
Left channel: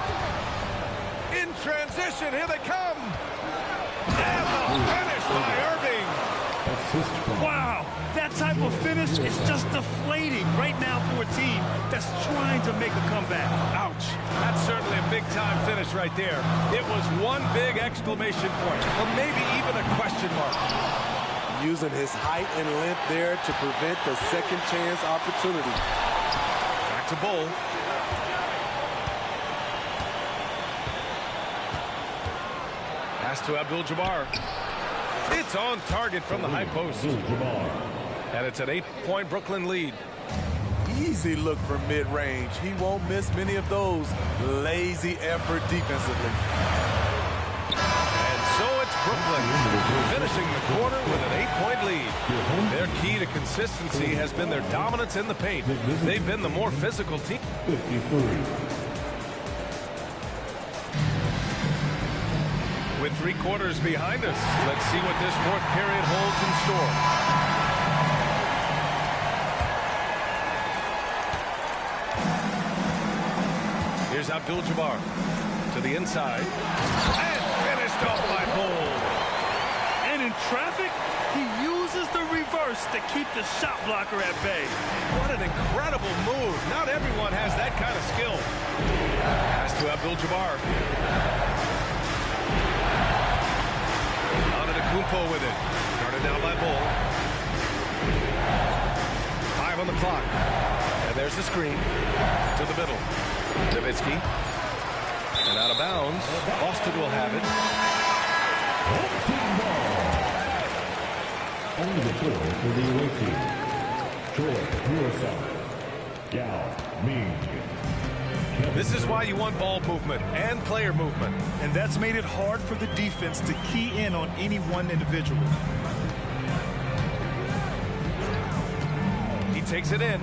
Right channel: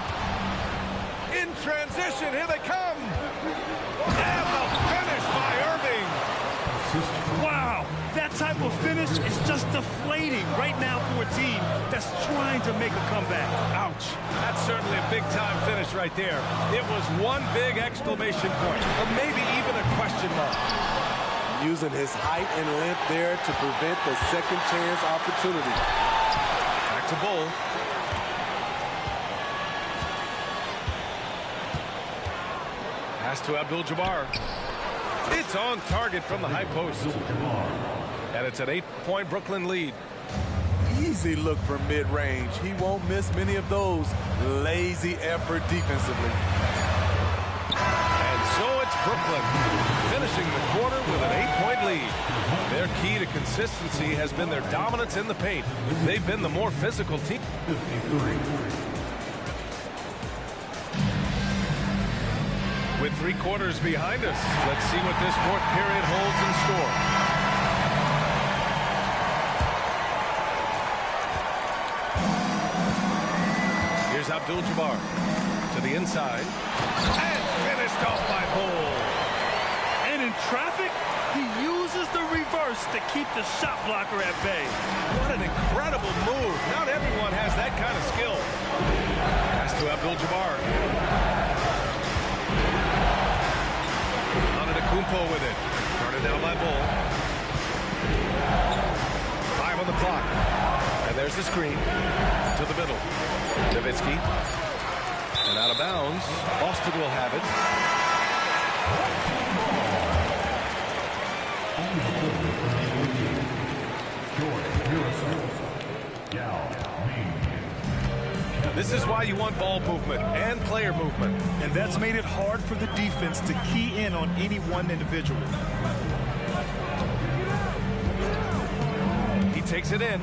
In transition, here they come. And the finish by Irving. Wow, that type of finish is just deflating right now for a team that's trying to make a comeback. Ouch. That's certainly a big-time finish right there. It was one big exclamation point, or maybe even a question mark. Using his height and length there to prevent the second chance opportunity. Back to Bull. Pass to Abdul-Jabbar. It's on target from the high post. And it's an 8-point Brooklyn lead. Easy look from mid-range. He won't miss many of those. Lazy effort defensively. And so it's Brooklyn finishing the quarter with an 8-point lead. Their key to consistency has been their dominance in the paint. They've been the more physical team. 53. With 3 quarters behind us, let's see what this fourth period holds in store. Here's Abdul-Jabbar to the inside. And finished off by Bull. And in traffic, he uses the reverse to keep the shot blocker at bay. What an incredible move. Not everyone has that kind of skill. Pass to Abdul-Jabbar. Kumpo with it. Guarded down by Bull. 5 on the clock. And there's the screen. To the middle. Nowitzki. And out of bounds. Boston will have it. On the floor for the away team. Joy Murasov. Yao Ming. This is why you want ball movement and player movement. And that's made it hard for the defense to key in on any one individual. He takes it in.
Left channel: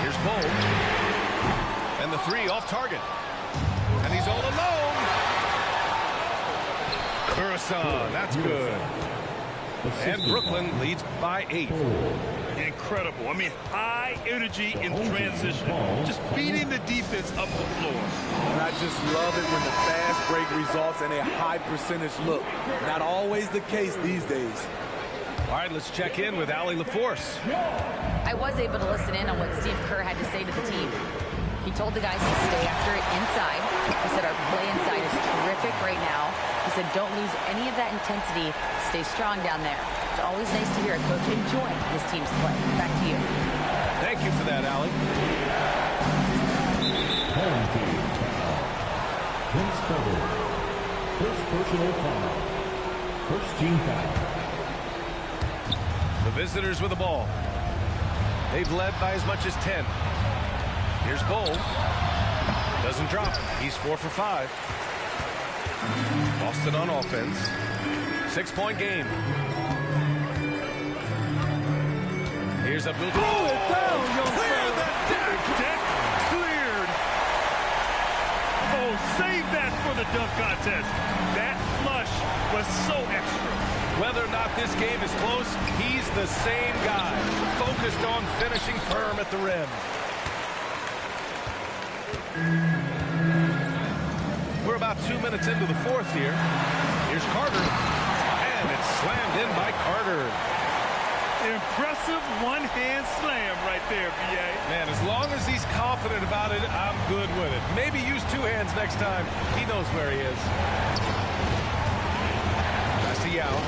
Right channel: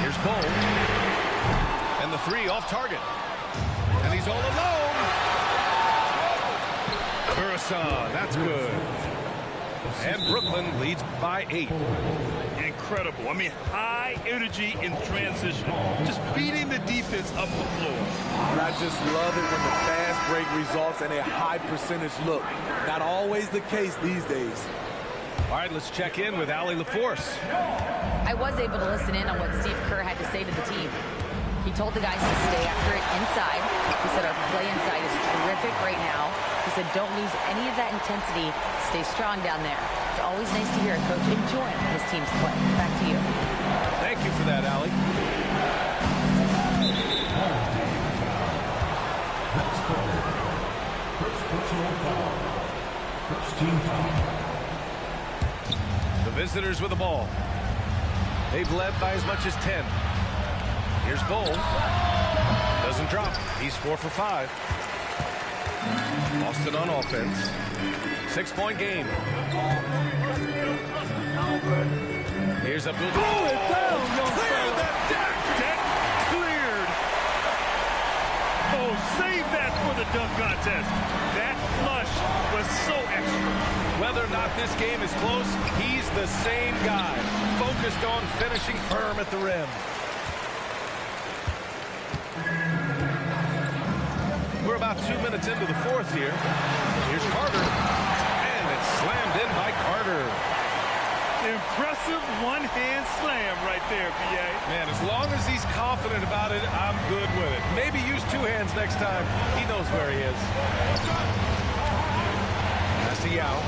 Here's Bull. And the 3 off target. And he's all alone. Curacao, that's good. And Brooklyn leads by 8. Incredible. I mean, high energy in transition. Just beating the defense up the floor. And I just love it when the fast break results in a high percentage look. Not always the case these days. All right, let's check in with Allie LaForce. I was able to listen in on what Steve Kerr had to say to the team. He told the guys to stay after it inside. He said our play inside is terrific right now. He said don't lose any of that intensity. Stay strong down there. It's always nice to hear a coach enjoying his team's play. Back to you. Thank you for that, Allie. Home team foul. That's covered. First personal foul. First team foul. The visitors with the ball. They've led by as much as 10. Here's Bull. Doesn't drop. He's 4 for 5. Boston on offense. 6-point game. Here's Abdul. Pull it down, young Clear fella. that deck. Deck cleared. Oh, save that for the dunk contest. That flush was so extra. Whether or not this game is close, he's the same guy. Focused on finishing firm at the rim. We're about 2 minutes into the fourth here. Here's Carter. And it's slammed in by Carter. Impressive one-hand slam right there, B.A. Man, as long as he's confident about it, I'm good with it. Maybe use 2 hands next time. He knows where he is. Pass to Yao.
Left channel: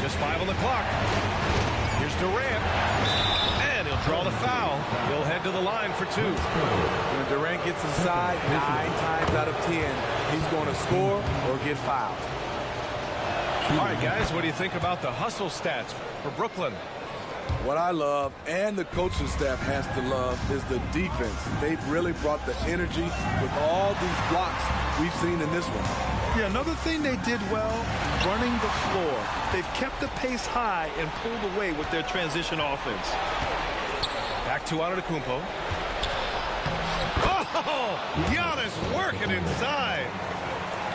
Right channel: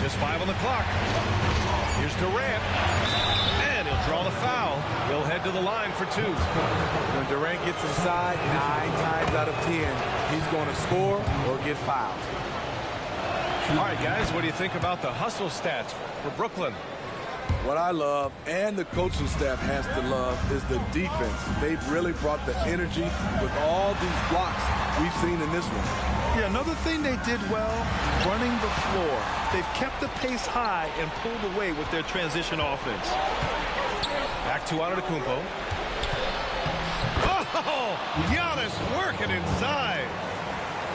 Just 5 on the clock. Here's Durant. And he'll draw the foul. He'll head to the line for 2. When Durant gets inside, 9 times out of 10, he's going to score or get fouled. All right, guys, what do you think about the hustle stats for Brooklyn? What I love, and the coaching staff has to love, is the defense. They've really brought the energy with all these blocks we've seen in this one. Yeah, another thing they did well, running the floor. They've kept the pace high and pulled away with their transition offense. Back to Antetokounmpo. Oh, Giannis working inside.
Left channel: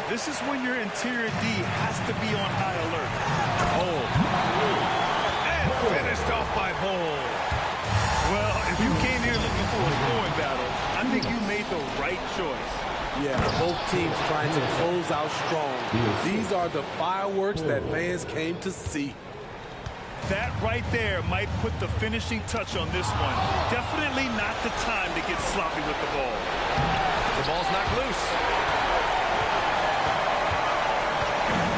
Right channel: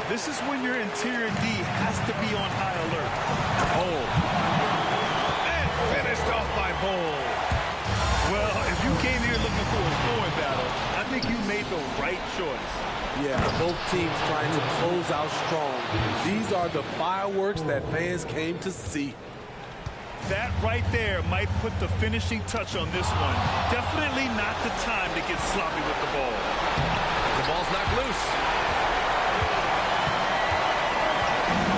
This is when your interior D has to be on high alert. Bull. And finished off by Bull. Well, if you came here looking for a scoring battle, I think you made the right choice. Yeah, both teams trying to close out strong. These are the fireworks that fans came to see. That right there might put the finishing touch on this one. Definitely not the time to get sloppy with the ball. The ball's knocked loose.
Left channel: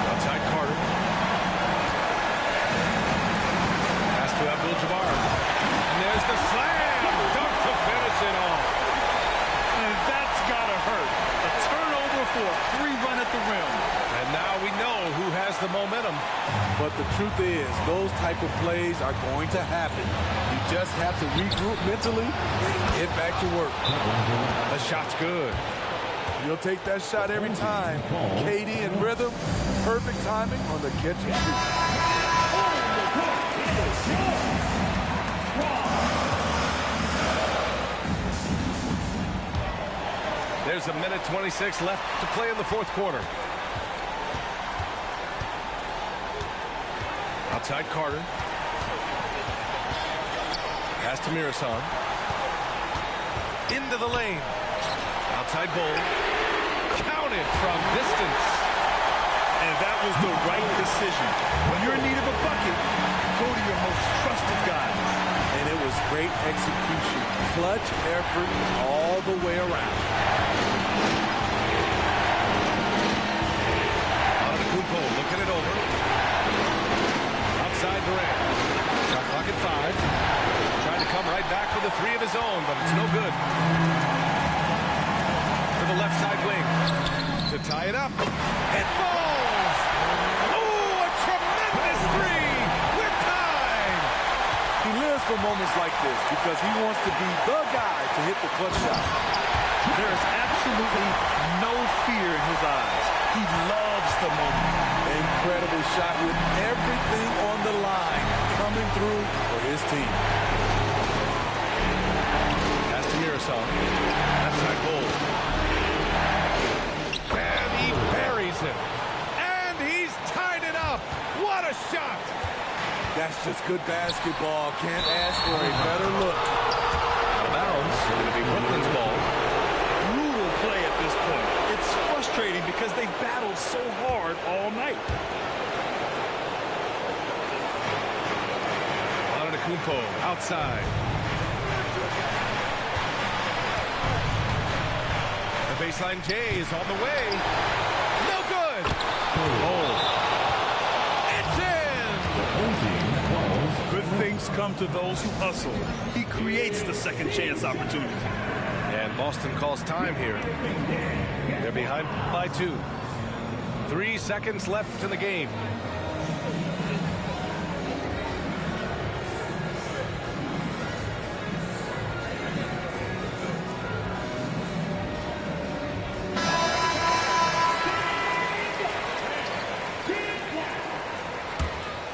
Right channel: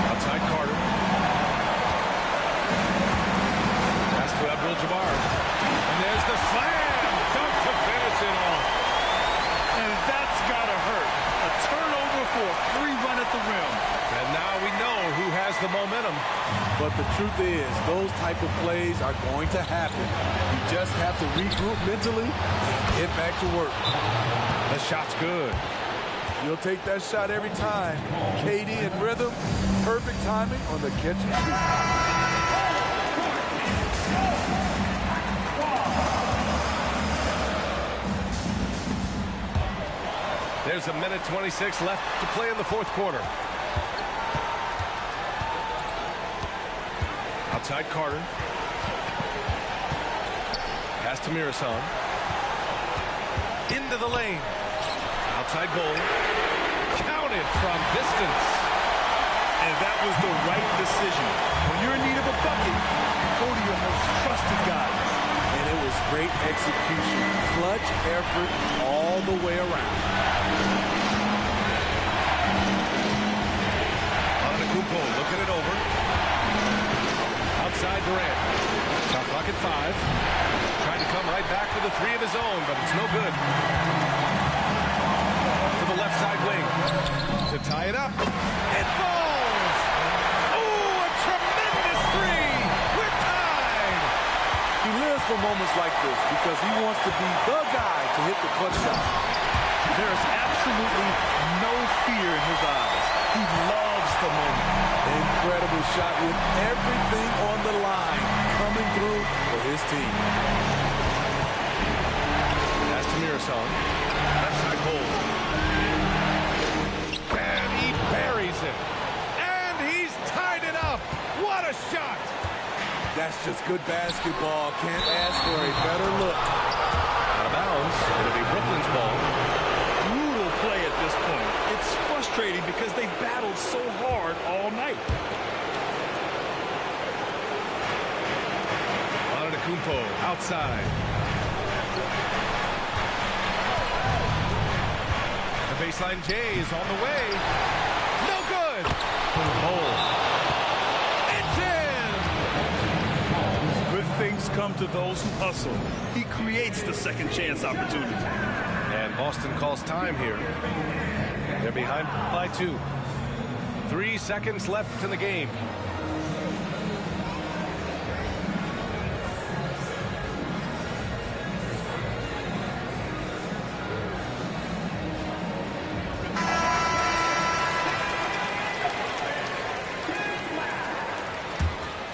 Outside Carter. Pass to Abdul-Jabbar. And there's the slam dunk to finish it off. And that's got to hurt. A turnover for a free run at the rim. And now we know who has the momentum. But the truth is, those type of plays are going to happen. You just have to regroup mentally and get back to work. The shot's good. You'll take that shot every time. KD in rhythm, perfect timing on the catch and shoot. There's a minute 26 left to play in the fourth quarter. Outside Carter. Pass to Mirasan. Into the lane. Outside Bull. Counted from distance. And that was the right decision. When you're in need of a bucket, you go to your most trusted guys. And it was great execution. Clutch effort all the way around. Kumpo looking it over. Outside Durant. Shot clock at 5. Tried to come right back with a 3 of his own, but it's no good. To the left side wing. To tie it up. It falls! Oh, a tremendous 3! We're tied! He lives for moments like this because he wants to be the guy to hit the clutch shot. There is absolutely no fear in his eyes. He loves the moment. Incredible shot with everything on the line coming through for his team. Pass to Mirasan. Left side hold. And he buries it. And he's tied it up. What a shot. That's just good basketball. Can't ask for a better look. Out of bounds. It'll be Brooklyn's ball. Brutal play at this point. It's frustrating because they've battled so hard all night. Antetokounmpo outside. The baseline J is on the way. No good. Oh. It's in. Good things come to those who hustle. He creates the second chance opportunity. And Boston calls time here. They're behind by 2. 3 seconds left in the game.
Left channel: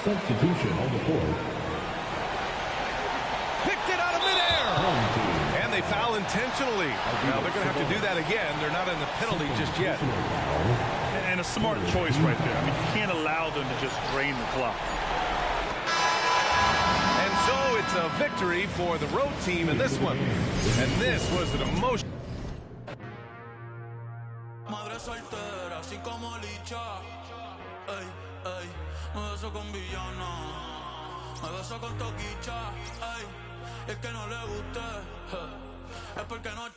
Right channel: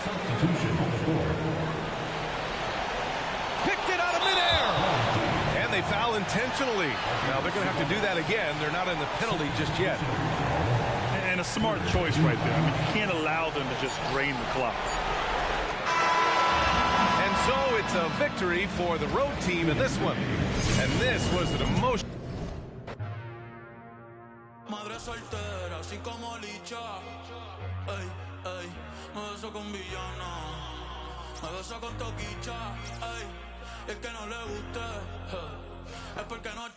Substitution on the board. Picked it out of midair. And they foul intentionally. Now they're going to have to do that again. They're not in the penalty just yet. And a smart choice right there. I mean, you can't allow them to just drain the clock. And so it's a victory for the road team in this one. And this was an emotion. Madre soltera, así como licha. Ey, ey, me beso con villana. Me beso con toquicha. Ey, y el que no le guste, es porque no.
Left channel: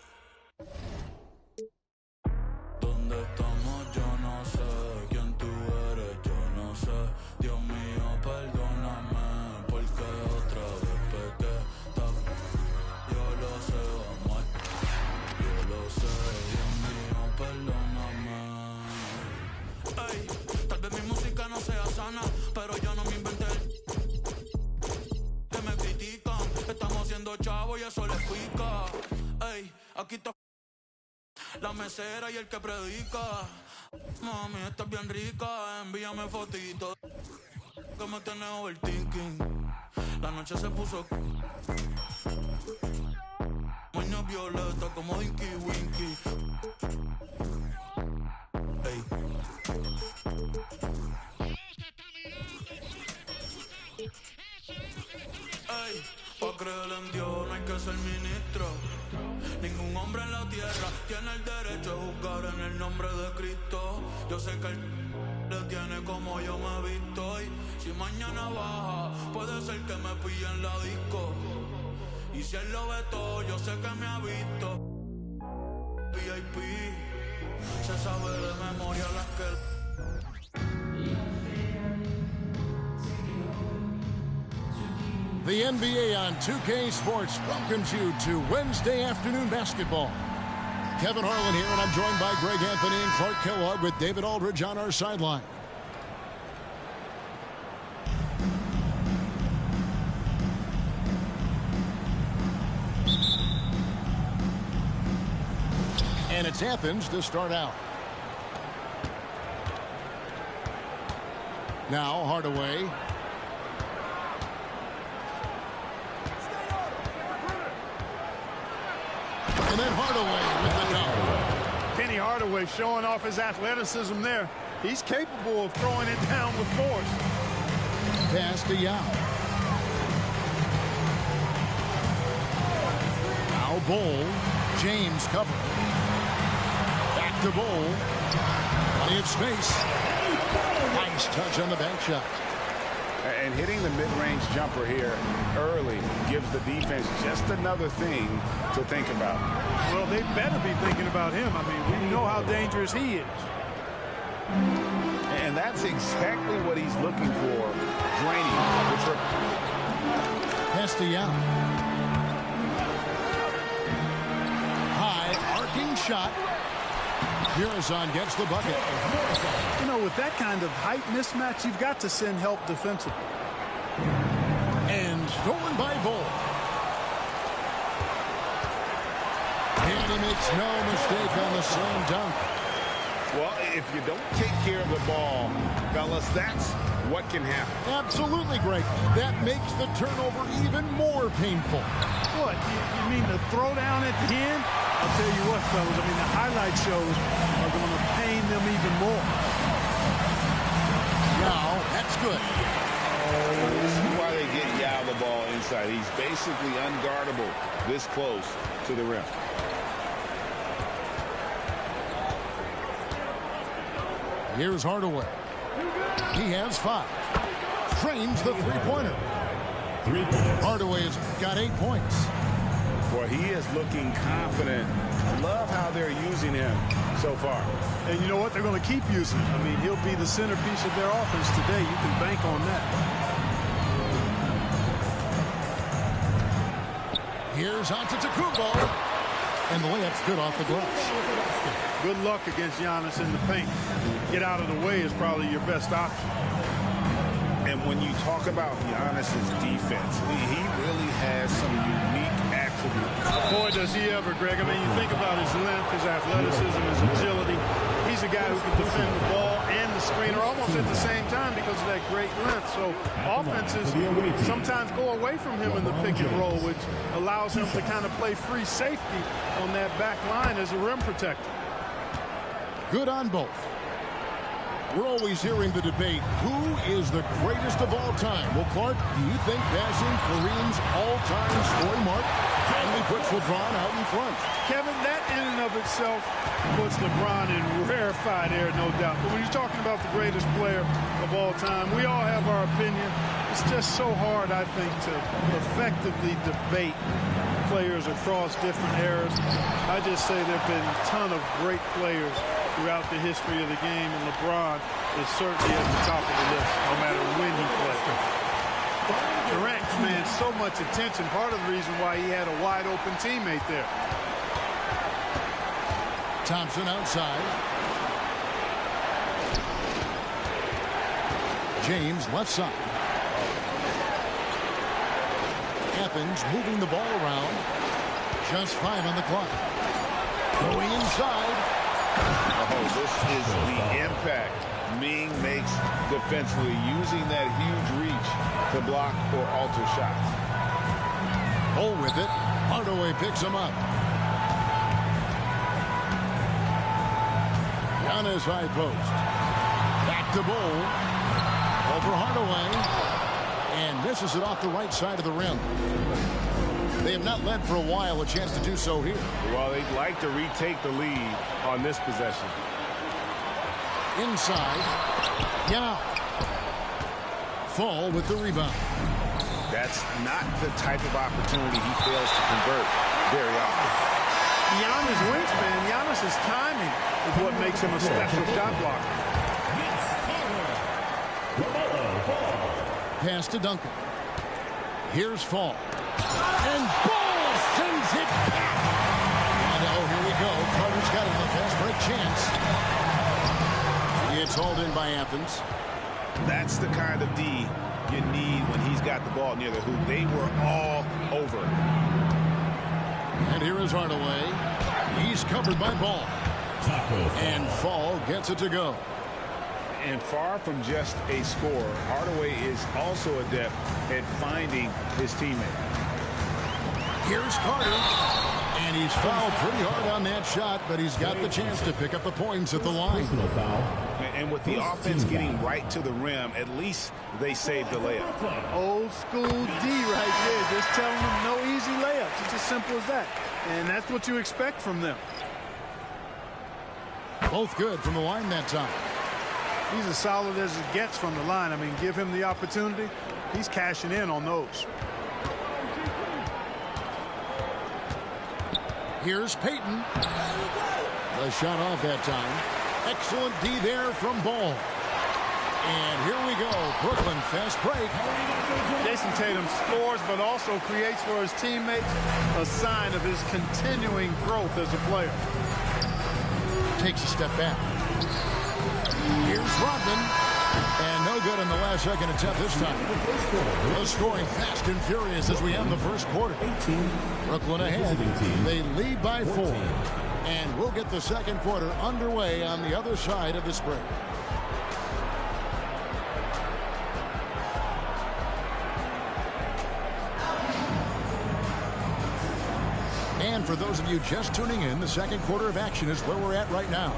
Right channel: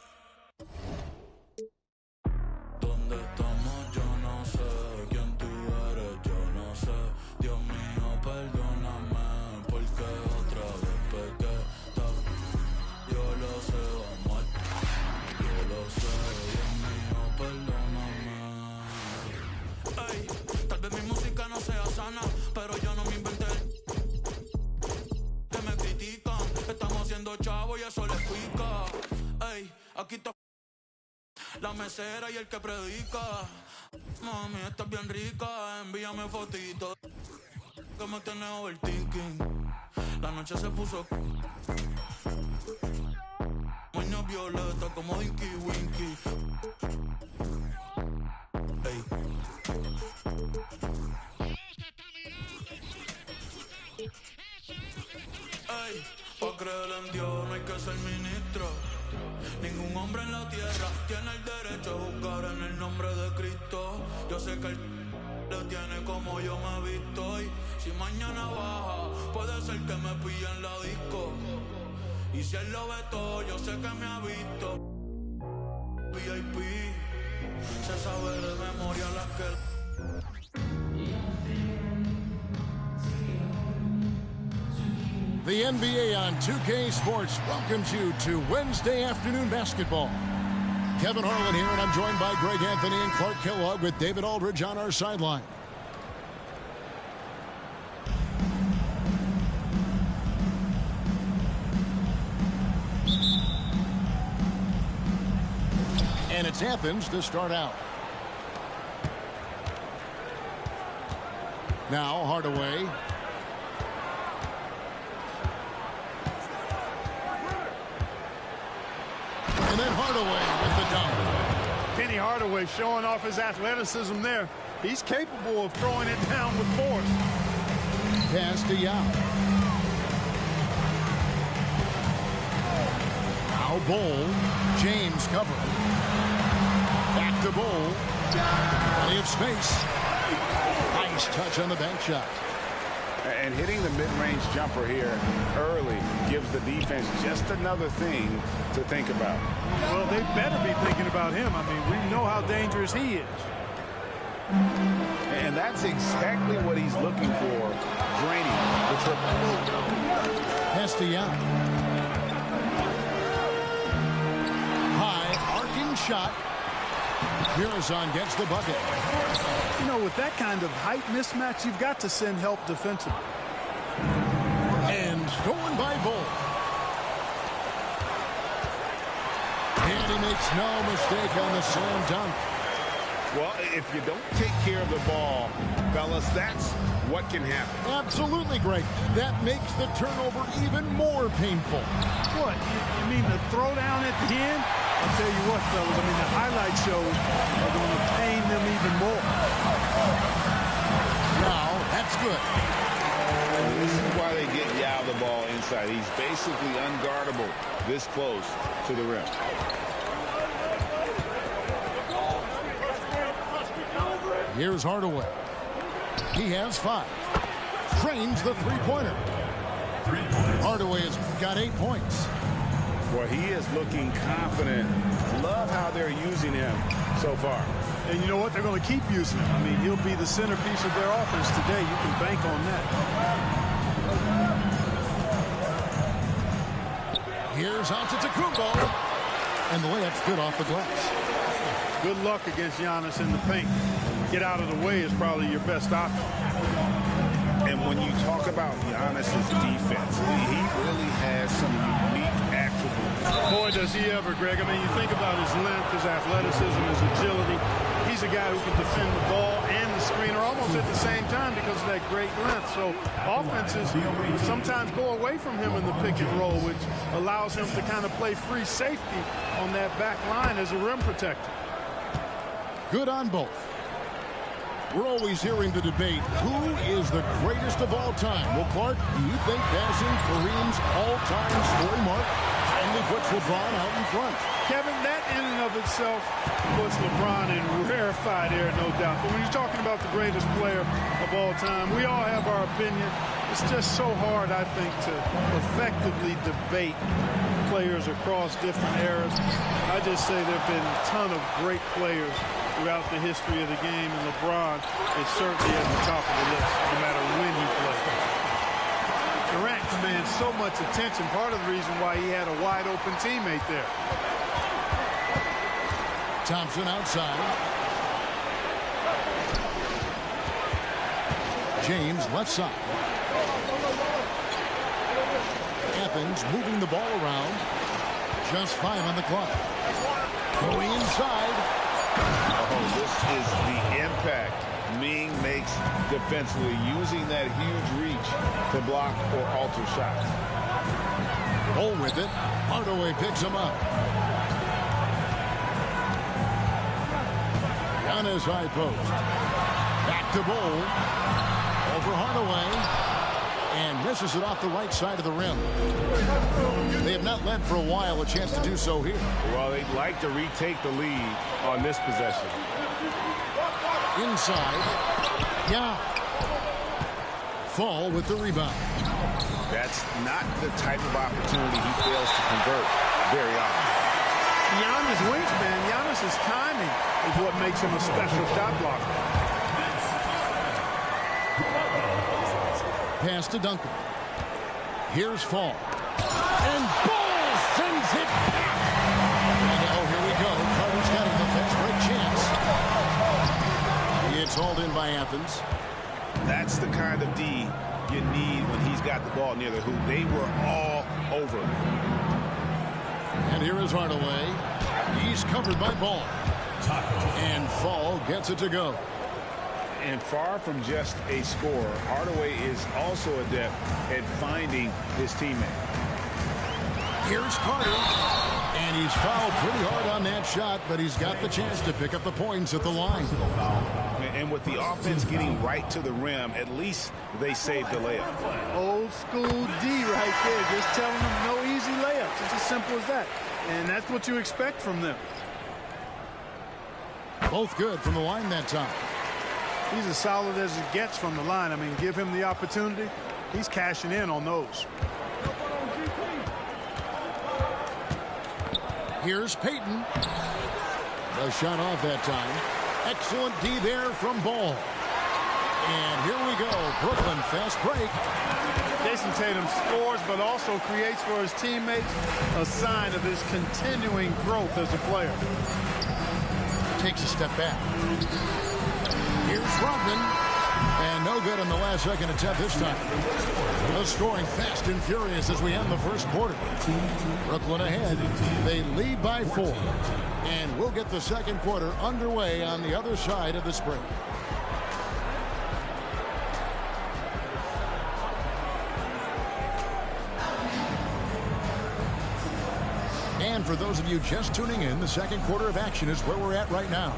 ¿Dónde estamos? Yo no sé. ¿Quién tú eres? Yo no sé. Dios mío, perdóname. Porque otra vez pequé. Yo lo sé, vamos. Yo lo sé. Dios mío, perdóname. Ey, tal vez mi música no sea sana, pero yo no me inventé. Que me critican. Estamos haciendo chavo y eso les pica. Ey, aquí está la mesera y el que predica. Mami, estás bien rica, envíame fotito. Que me tiene overthinking. La noche se puso moño violeta como Dinky Winky. Ey. Ey, pa' creer en Dios no hay nosotros. Ningún hombre en la tierra tiene el derecho a juzgar en el nombre de Cristo. Yo sé que él le tiene como yo me he visto. Y si mañana baja, puede ser que me pille en la disco. Y si él lo ve todo, yo sé que me ha visto. VIP, se sabe de memoria las que... The NBA on 2K Sports welcomes you to Wednesday afternoon basketball. Kevin Harlan here, and I'm joined by Greg Anthony and Clark Kellogg with David Aldridge on our sideline. And it's Athens to start out. Now Hardaway. And then Hardaway with the dunk. Penny Hardaway showing off his athleticism there. He's capable of throwing it down with force. Pass to Yao. Now Bol. James covering. Back to Bol. Plenty of space. Nice touch on the bank shot. And hitting the mid-range jumper here early gives the defense just another thing to think about. Well, they better be thinking about him. I mean, we know how dangerous he is. And that's exactly what he's looking for, draining the triple. Pass to Yao. High arcing shot. Murazan gets the bucket. You know, with that kind of height mismatch, you've got to send help defensively. And stolen by Bol. And he makes no mistake on the slam dunk. Well, if you don't take care of the ball, fellas, that's what can happen. Absolutely, Greg. That makes the turnover even more painful. What? You mean the throwdown at the end? I'll tell you what, fellas, I mean, the highlight shows are going to pain them even more. Yao, that's good. This is why they get Yao the ball inside. He's basically unguardable this close to the rim. Here's Hardaway. He has 5. Trains the three-pointer. Hardaway has got 8 points. Boy, he is looking confident. Love how they're using him so far. And you know what? They're going to keep using him. I mean, he'll be the centerpiece of their offense today. You can bank on that. Here's Antetokounmpo. And the layup's good off the glass. Good luck against Giannis in the paint. Get out of the way is probably your best option. And when you talk about Giannis's defense, he really has some unique attributes. Boy, does he ever, Greg. I mean, you think about his length, his athleticism, his agility. He's a guy who can defend the ball and the screener almost at the same time because of that great length. So offenses sometimes go away from him in the pick and roll, which allows him to kind of play free safety on that back line as a rim protector. Good on both. We're always hearing the debate, who is the greatest of all time? Well, Clark, do you think passing Kareem's all-time scoring mark kindly puts LeBron out in front? Kevin, that in and of itself puts LeBron in rarefied air, no doubt. But when you're talking about the greatest player of all time, we all have our opinion. It's just so hard, I think, to effectively debate players across different eras. I just say there have been a ton of great players throughout the history of the game, and LeBron is certainly at the top of the list, no matter when he played. Durant commands so much attention, part of the reason why he had a wide-open teammate there. Thompson outside. James left side. Athens moving the ball around. Just 5 on the clock. Going inside. Oh, this is the impact Ming makes defensively, using that huge reach to block or alter shots. Bol with it. Hardaway picks him up. Giannis high post. Back to Bol. Over Hardaway. And misses it off the right side of the rim. They have not led for a while. A chance to do so here. Well, they'd like to retake the lead on this possession. Inside. Yao. Fall with the rebound. That's not the type of opportunity he fails to convert very often. Beyond his wingspan, Giannis's timing is what makes him a special shot blocker. Pass to Duncan. Here's Fall. And Ball sends it back. And oh, here we go. Carter's got it in the fast break chance. It's hauled in by Athens. That's the kind of D you need when he's got the ball near the hoop. They were all over. And here is Hardaway. He's covered by Ball. And Fall gets it to go. And far from just a scorer, Hardaway is also adept at finding his teammate. Here's Carter. And he's fouled pretty hard on that shot, but he's got the chance to pick up the points at the line. And with the offense getting right to the rim, at least they saved the layup. Old school D right there, just telling them no easy layups. It's as simple as that. And that's what you expect from them. Both good from the line that time. He's as solid as it gets from the line. I mean, give him the opportunity. He's cashing in on those. Here's Payton. The shot off that time. Excellent D there from Ball. And here we go. Brooklyn fast break. Jason Tatum scores but also creates for his teammates, a sign of his continuing growth as a player. Takes a step back. Here's Rodman. And no good in the last second attempt this time. The scoring fast and furious as we end the first quarter. Brooklyn ahead. They lead by 4. And we'll get the second quarter underway on the other side of this break. And for those of you just tuning in, the second quarter of action is where we're at right now.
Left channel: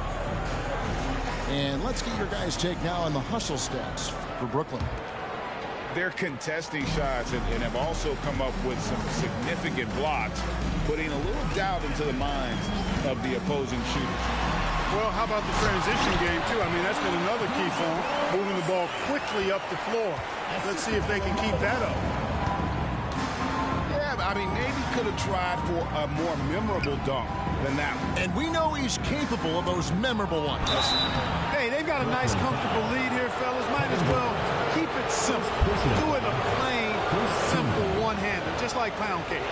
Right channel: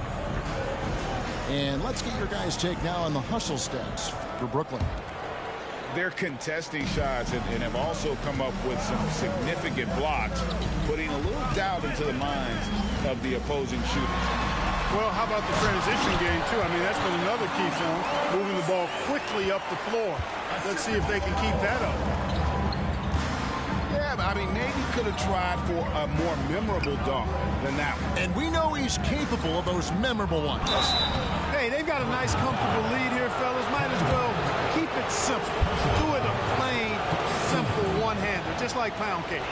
And let's get your guys' take now on the hustle stats for Brooklyn. They're contesting shots and have also come up with some significant blocks, putting a little doubt into the minds of the opposing shooters. Well, how about the transition game, too? I mean, that's been another key for them, moving the ball quickly up the floor. Let's see if they can keep that up. Yeah, I mean, maybe could have tried for a more memorable dunk than that one. And we know he's capable of those memorable ones. Hey, they've got a nice, comfortable lead here, fellas. Might as well keep it simple. Do it a plain, simple one-hander, just like pound cake.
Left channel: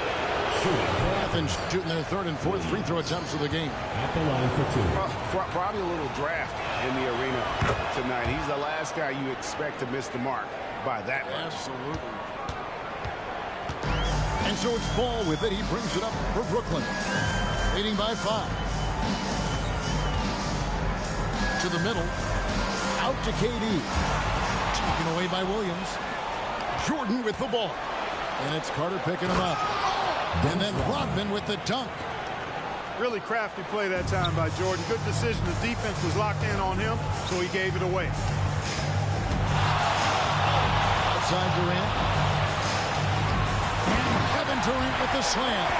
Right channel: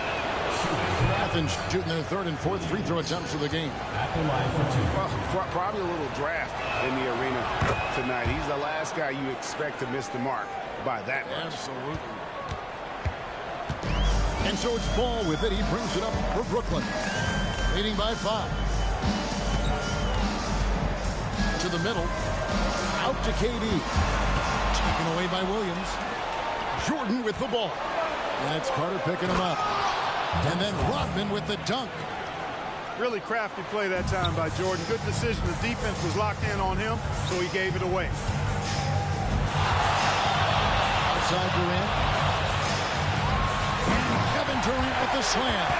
Athens shooting their third and fourth free throw attempts of the game. At the line for 2. Well, probably a little draft in the arena tonight. He's the last guy you expect to miss the mark by that much. Absolutely. And so it's Ball with it. He brings it up for Brooklyn. Leading by 5. To the middle. Out to KD. Taken away by Williams. Jordan with the ball. And it's Carter picking him up. And then Rodman with the dunk. Really crafty play that time by Jordan. Good decision. The defense was locked in on him, so he gave it away. Outside Durant. And Kevin Durant with the slam.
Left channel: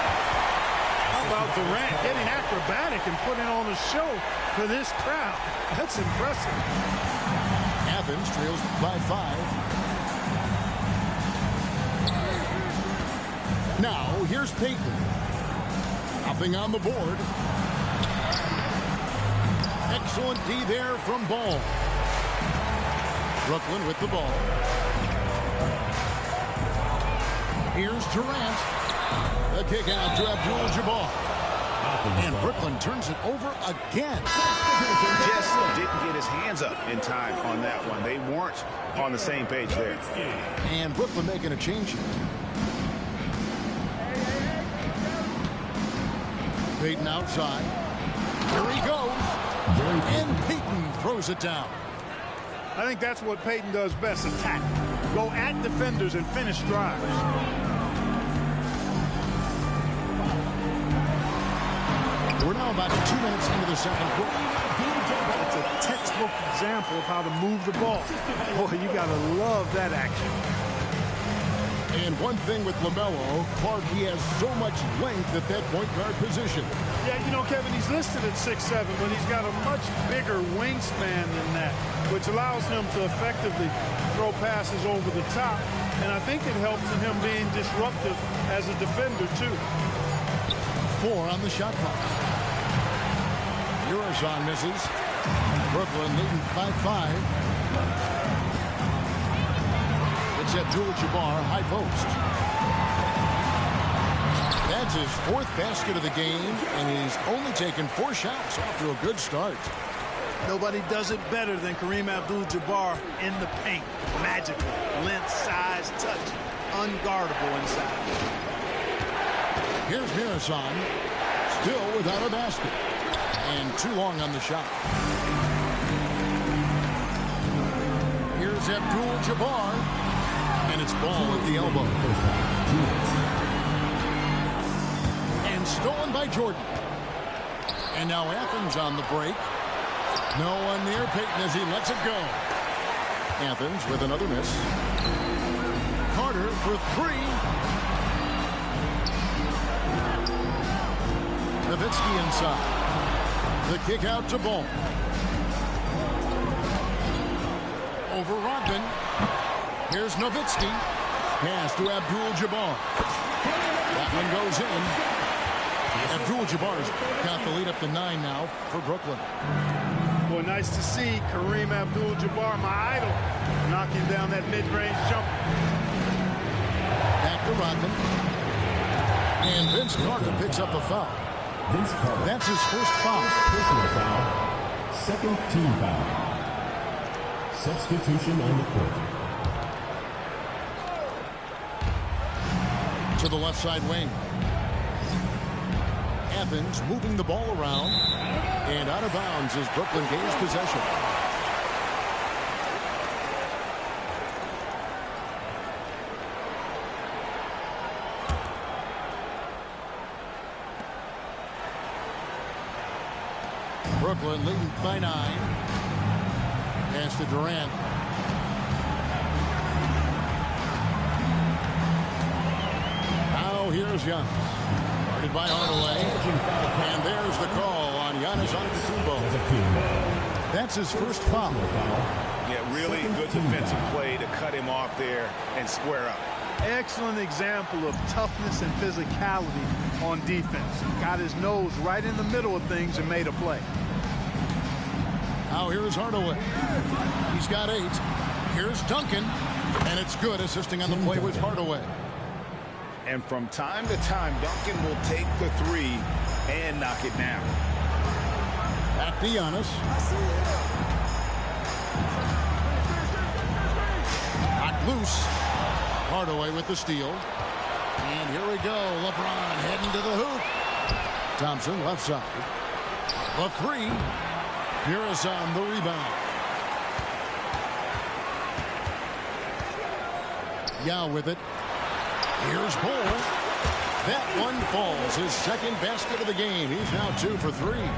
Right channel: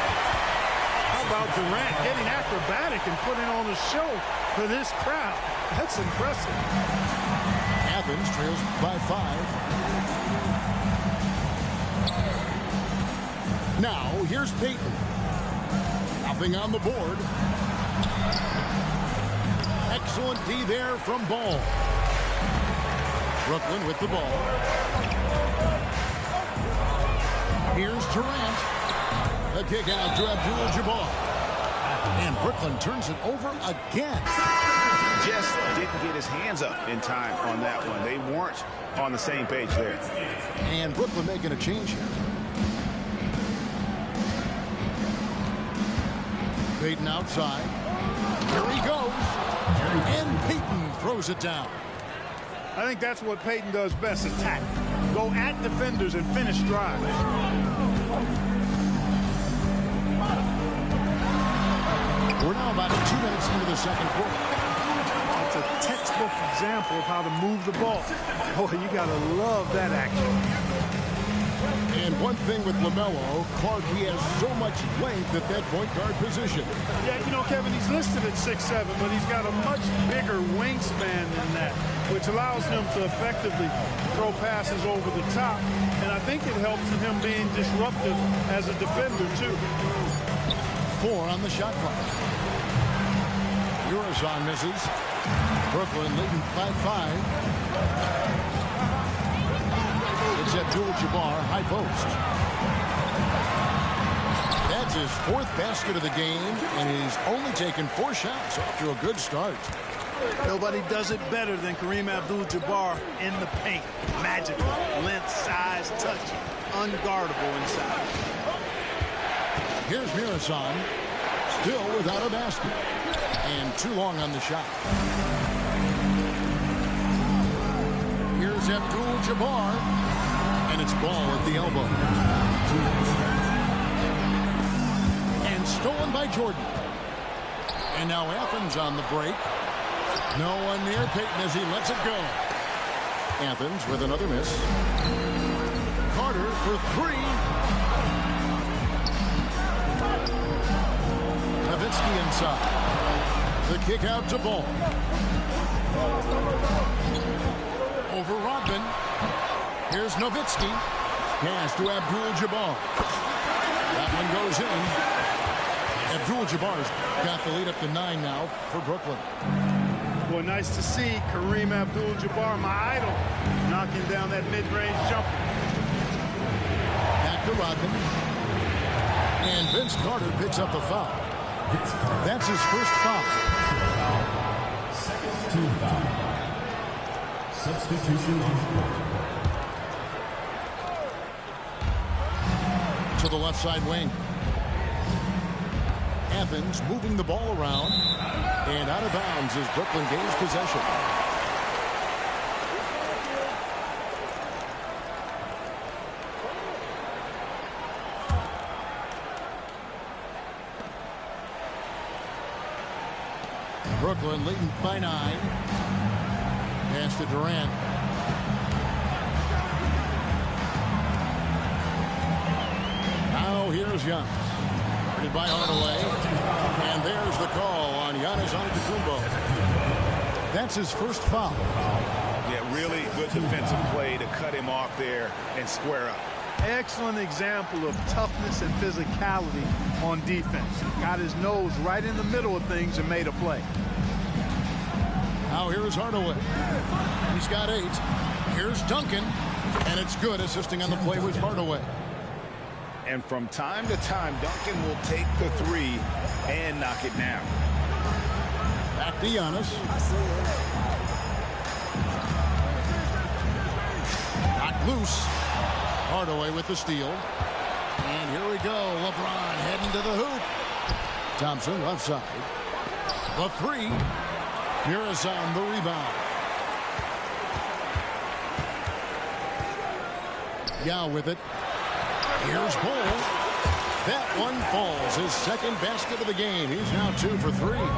How about Durant getting acrobatic and putting on a show for this crowd? That's impressive. Athens trails by 5. Now, here's Payton. Nothing on the board. Excellent D there from Ball. Brooklyn with the ball. Here's Durant. The kick out to Abdul-Jabbar. And Brooklyn turns it over again. Just didn't get his hands up in time on that one. They weren't on the same page there. And Brooklyn making a change here. Payton outside. Here he goes. And Payton throws it down. I think that's what Payton does best, attack. Go at defenders and finish drives. We're now about 2 minutes into the second quarter. That's a textbook example of how to move the ball. Boy, you got to love that action. And one thing with LaMelo, Clark, he has so much length at that point guard position. Yeah, you know, Kevin, he's listed at 6'7", but he's got a much bigger wingspan than that, which allows him to effectively throw passes over the top. And I think it helps in him being disruptive as a defender, too. 4 on the shot clock. Eurozone misses. Brooklyn leading by 5. It's Abdul-Jabbar, high post. That's his 4th basket of the game, and he's only taken 4 shots, off to a good start. Nobody does it better than Kareem Abdul-Jabbar in the paint. Magical. Length, size, touch. Unguardable inside. Here's Mirasan, still without a basket. And too long on the shot. Here's Abdul-Jabbar. And it's ball at the elbow. And stolen by Jordan. And now Athens on the break. No one near Payton as he lets it go. Athens with another miss. Carter for 3. Nowitzki inside. The kick out to Ball. Over Rodman. Here's Nowitzki. Pass to Abdul-Jabbar. That one goes in. Abdul-Jabbar's got the lead up to 9 now for Brooklyn. Boy, nice to see Kareem Abdul-Jabbar, my idol, knocking down that mid-range jumper. Back to Rodman. And Vince Carter picks up the foul. That's his first foul. Personal foul. Second team foul. Substitution on the court. To the left side wing. Athens moving the ball around. And out of bounds as Brooklyn gains possession. Brooklyn leading by 9. Pass to Durant. Now here's Giannis. Guarded by Hardaway. And there's the call on Giannis Antetokounmpo. That's his first foul. Yeah, really good defensive play to cut him off there and square up. Excellent example of toughness and physicality on defense. Got his nose right in the middle of things and made a play. Now here's Hardaway. He's got 8. Here's Duncan. And it's good, assisting on the play with Hardaway. And from time to time, Duncan will take the 3 and knock it down. Back to Giannis. Knocked loose. Hardaway with the steal. And here we go. LeBron heading to the hoop. Thompson left side. The 3. Harris on the rebound. Yao with it. Here's Bull. That one falls. His second basket of the game. He's now 2 for 3.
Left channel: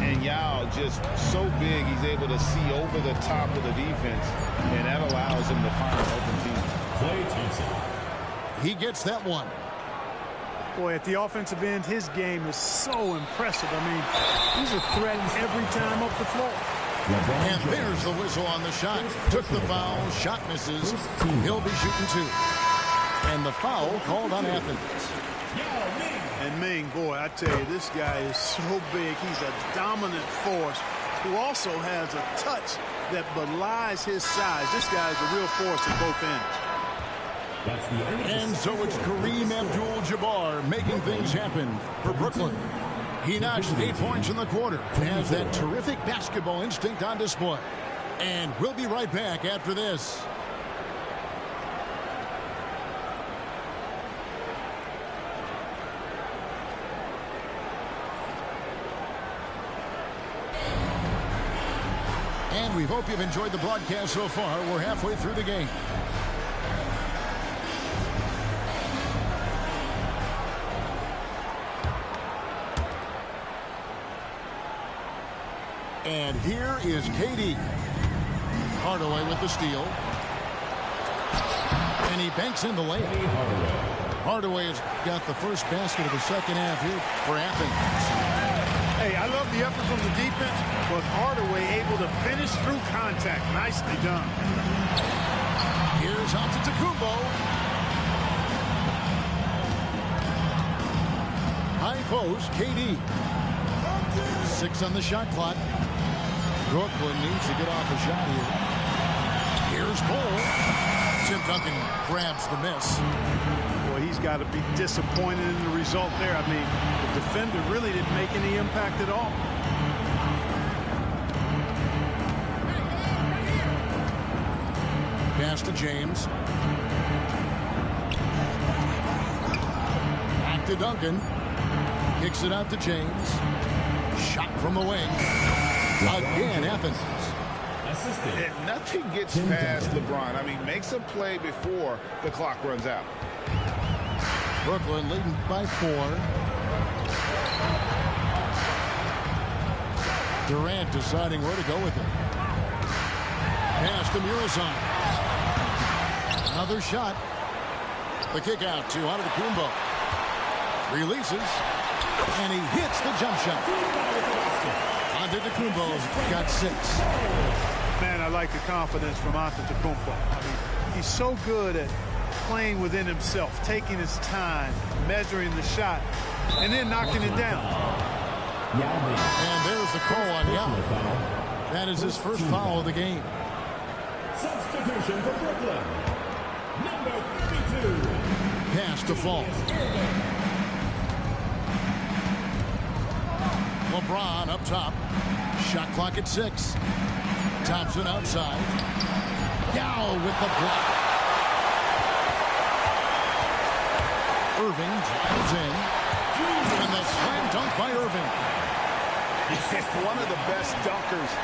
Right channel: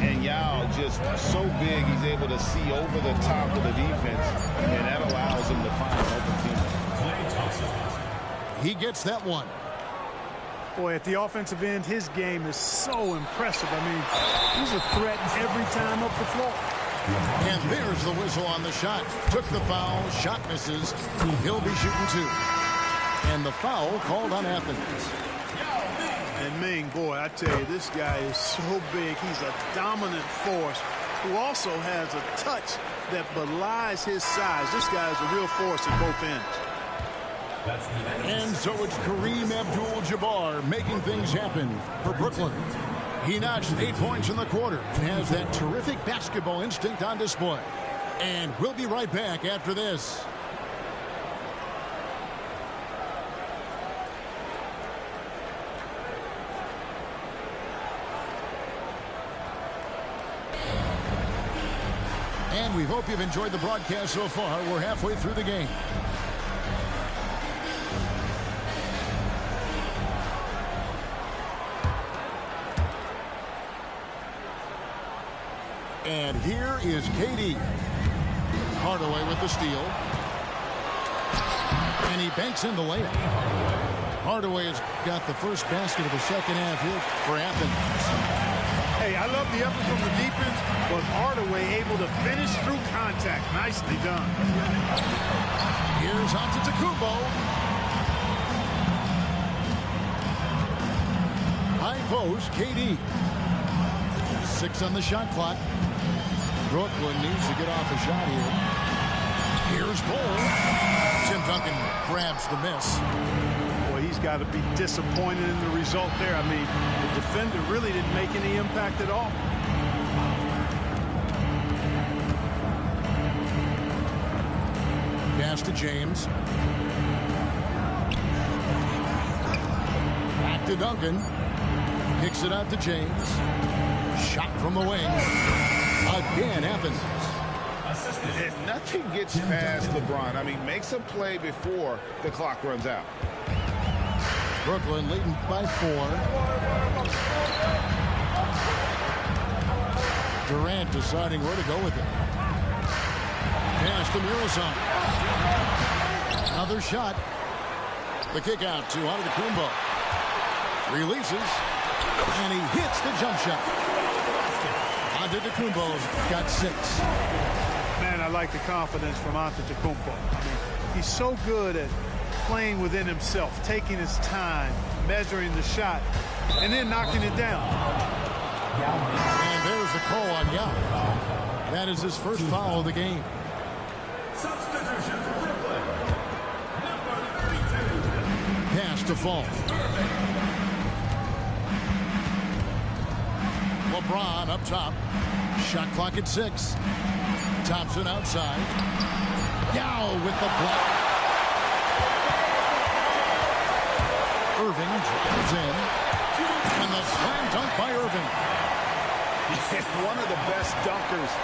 And Yao just so big, he's able to see over the top of the defense, and that allows him to find an open teammate. He gets that one. Boy, at the offensive end, his game is so impressive. I mean, he's a threat every time up the floor. And there's the whistle on the shot. Took the foul. Shot misses. He'll be shooting 2. And the foul called on Athens. And Ming, boy, I tell you, this guy is so big. He's a dominant force who also has a touch that belies his size. This guy is a real force at both ends. And so it's Kareem Abdul-Jabbar making things happen for Brooklyn. He notched 8 points in the quarter and has that terrific basketball instinct on display. And we'll be right back after this. And we hope you've enjoyed the broadcast so far. We're halfway through the game. And here is KD. Hardaway with the steal. And he banks in the layup. Hardaway has got the first basket of the second half here for Athens. Hey, I love the effort from the defense, but Hardaway able to finish through contact. Nicely done. Here's Antetokounmpo. High post, KD. 6 on the shot clock. Brooklyn needs to get off a shot here. Here's Bol. Tim Duncan grabs the miss. Boy, he's got to be disappointed in the result there. I mean, the defender really didn't make any impact at all. Pass to James. Back to Duncan. Kicks it out to James. Shot from the wing. Again, Athens. And nothing gets past LeBron. I mean, makes a play before the clock runs out. Brooklyn leading by 4. Durant deciding where to go with it. Pass to Muresan. Another shot. The kick out to Antetokounmpo. Releases. And he hits the jump shot. Antetokounmpo's got 6. Man, I like the confidence from Antetokounmpo. I mean, he's so good at playing within himself, taking his time, measuring the shot, and then knocking it down. And there's the call on Yao. That is his first foul of the game. Substitution for Brooklyn. Number 32. Pass to Fall. LeBron up top. Shot clock at 6. Thompson outside. Yao with the block. Irving drives in. And the slam dunk by Irving. One of the best dunkers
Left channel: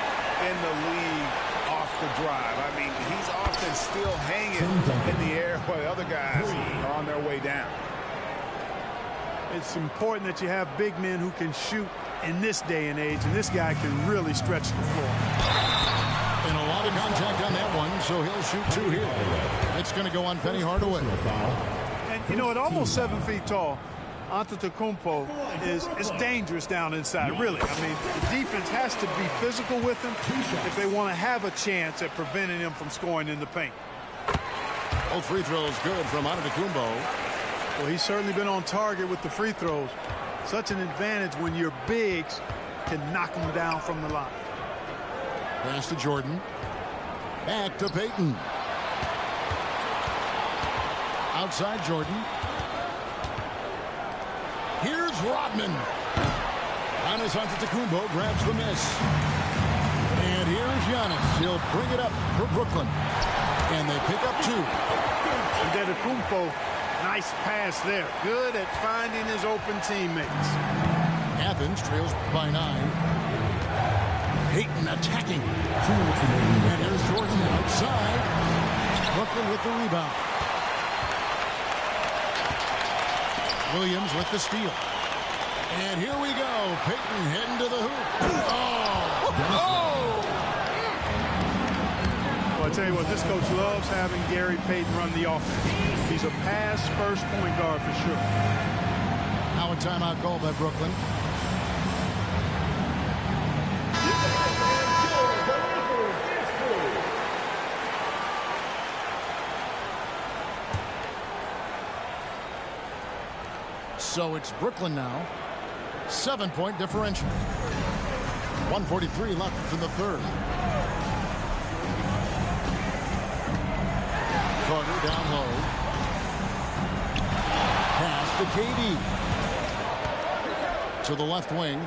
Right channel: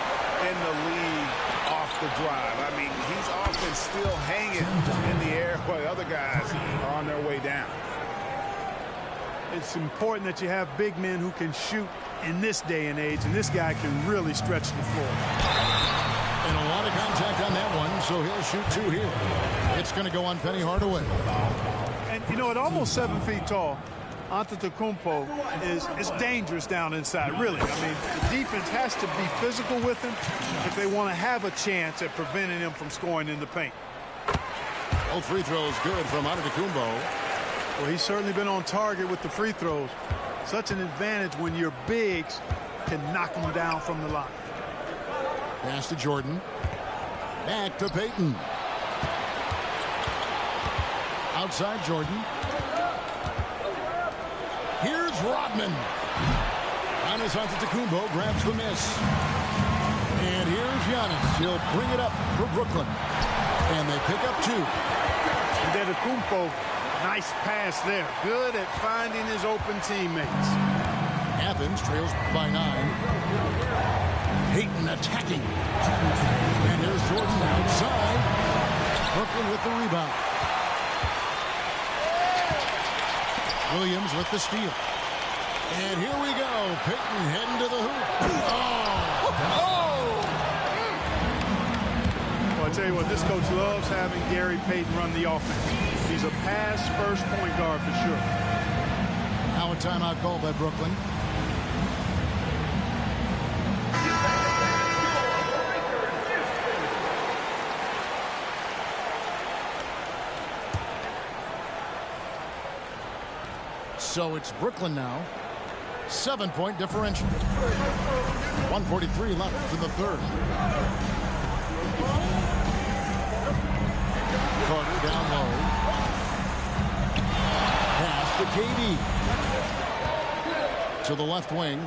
in the league off the drive. I mean, he's often still hanging in the air while other guys are on their way down. It's important that you have big men who can shoot in this day and age, and this guy can really stretch the floor. And a lot of contact on that one, so he'll shoot 2 here. It's going to go on Penny Hardaway. And, you know, at almost 7 feet tall, Antetokounmpo is dangerous down inside, really. I mean, the defense has to be physical with him if they want to have a chance at preventing him from scoring in the paint. Both free throws good from Antetokounmpo. Well, he's certainly been on target with the free throws. Such an advantage when your bigs can knock them down from the line. Pass to Jordan. Back to Payton. Outside Jordan. Here's Rodman. Giannis Antetokounmpo grabs the miss. And here's Giannis. He'll bring it up for Brooklyn. And they pick up 2. Antetokounmpo, nice pass there. Good at finding his open teammates. Athens trails by 9. Payton attacking. And here's Jordan outside. Brooklyn with the rebound. Williams with the steal. And here we go. Payton heading to the hoop. Oh! Well, I tell you what, this coach loves having Gary Payton run the offense. He's a pass-first point guard for sure. Now a timeout called by Brooklyn. So it's Brooklyn now. 7-point differential. 1:43 left in the third. Carter down low. Pass to KD. To the left wing.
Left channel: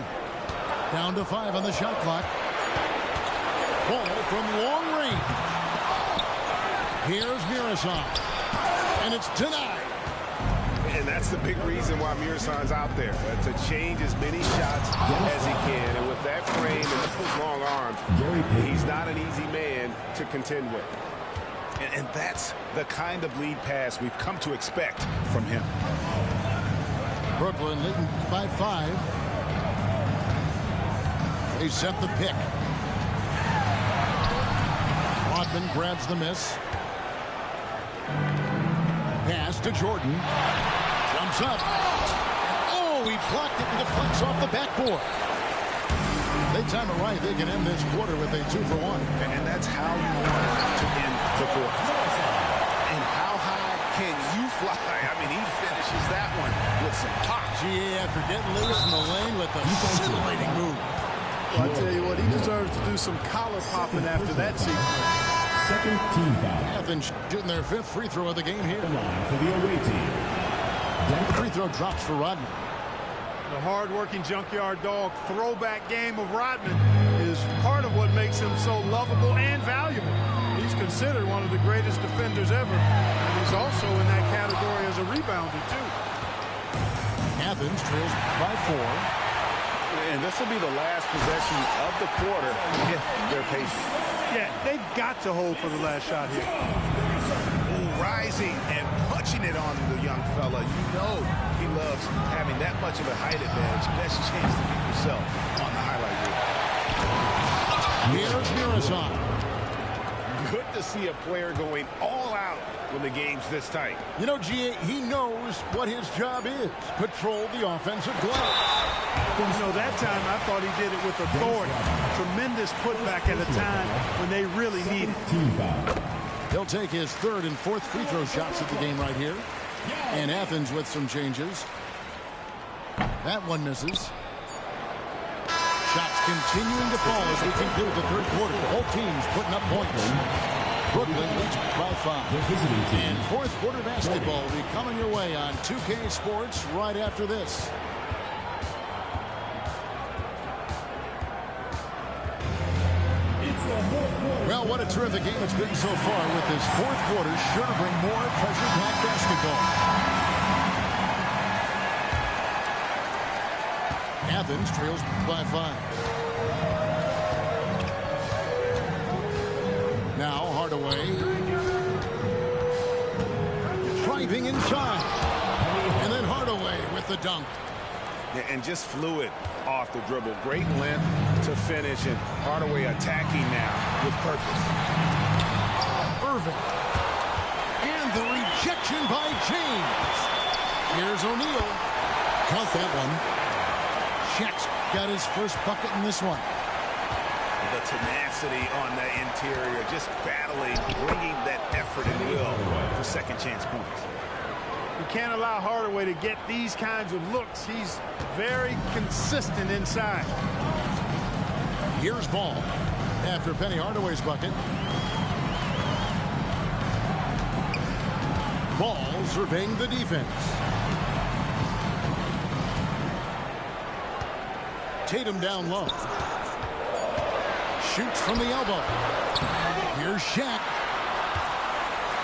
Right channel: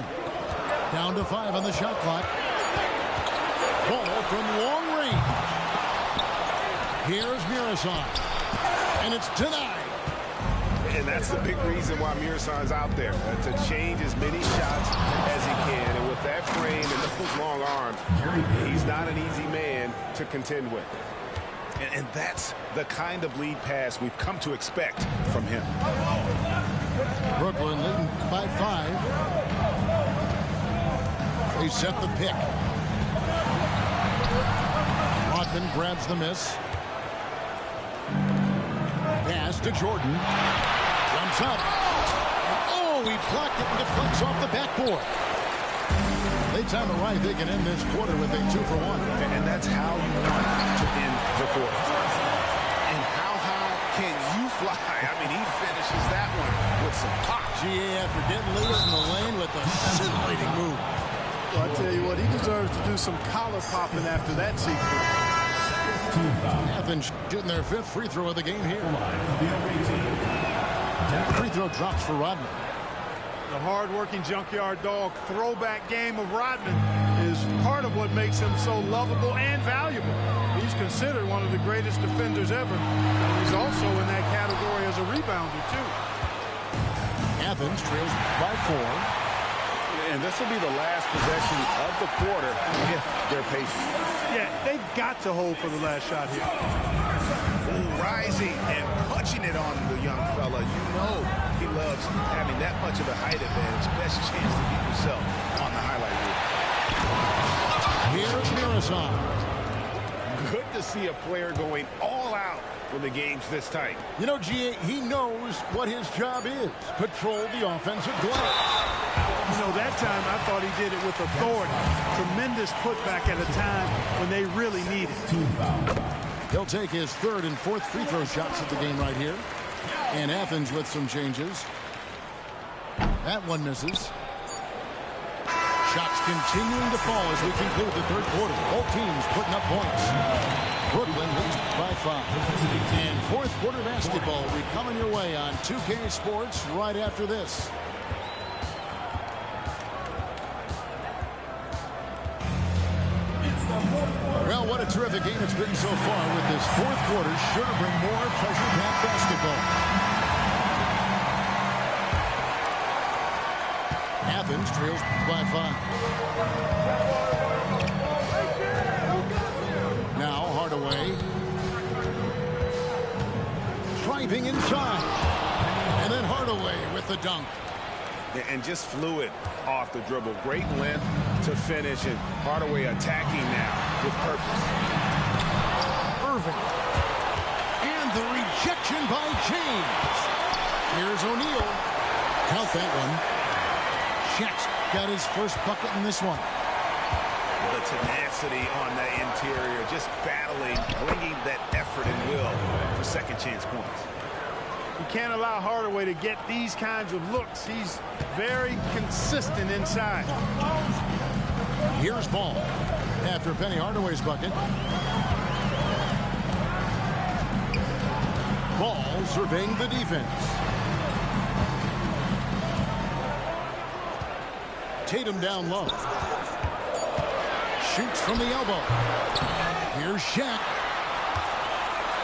Down to 5 on the shot clock. Ball from long range. Here's Muresan. And it's denied. And that's the big reason why Muresan's out there, to change as many shots as he can. And with that frame and those long arms, he's not an easy man to contend with. And that's the kind of lead pass we've come to expect from him. Brooklyn leading by 5. They set the pick. Rodman grabs the miss. Pass to Jordan. Jumps up. And oh, he blocked it and deflects off the backboard. They time it right. They can end this quarter with a 2-for-1. And that's how you want to end the quarter. And how high can you fly? I mean, he finishes that one with some pop. GA after getting loose in the lane with a scintillating move. Well, I tell you what, he deserves to do some collar popping after that sequence. Second team foul. Athens shooting their 5th free throw of the game here. Line for the away team. Free throw drops for Rodman. The hard-working junkyard dog throwback game of Rodman is part of what makes him so lovable and valuable. He's considered one of the greatest defenders ever, and he's also in that category as a rebounder, too. Athens trails by 4. And this will be the last possession of the quarter if they're patient. Yeah, they've got to hold for the last shot here. Ooh, rising and punching it on the young fella. You know he loves having that much of a height advantage. Best chance to beat yourself on the highlight reel. Here's Mirazon. Good to see a player going all out when the game's this tight. You know, GA, he knows what his job is. Patrol the offensive glass. You know, that time I thought he did it with authority. Tremendous putback at a time when they really need it. He'll take his 3rd and 4th free throw shots of the game right here. And Athens with some changes. That one misses. Shots continuing to fall as we conclude the 3rd quarter. Both teams putting up points. Brooklyn leads by 5. And 4th quarter basketball will be coming your way on 2K Sports right after this. Well, what a terrific game it's been so far with this 4th quarter. Sure to bring more pressure-packed basketball. Athens trails by 5. Now Hardaway. Driving inside. And then Hardaway with the dunk. And just fluid off the dribble. Great length to finish, and Hardaway attacking now with purpose. Irving. And the rejection by James. Here's O'Neal. Count that one. Shaq's got his first bucket in this one. The tenacity on the interior, just battling, bringing that effort and will for second chance points. You can't allow Hardaway to get these kinds of looks. He's very consistent inside. Here's Ball after Penny Hardaway's bucket. Ball surveying the defense. Tatum down low. Shoots from the elbow. Here's Shaq.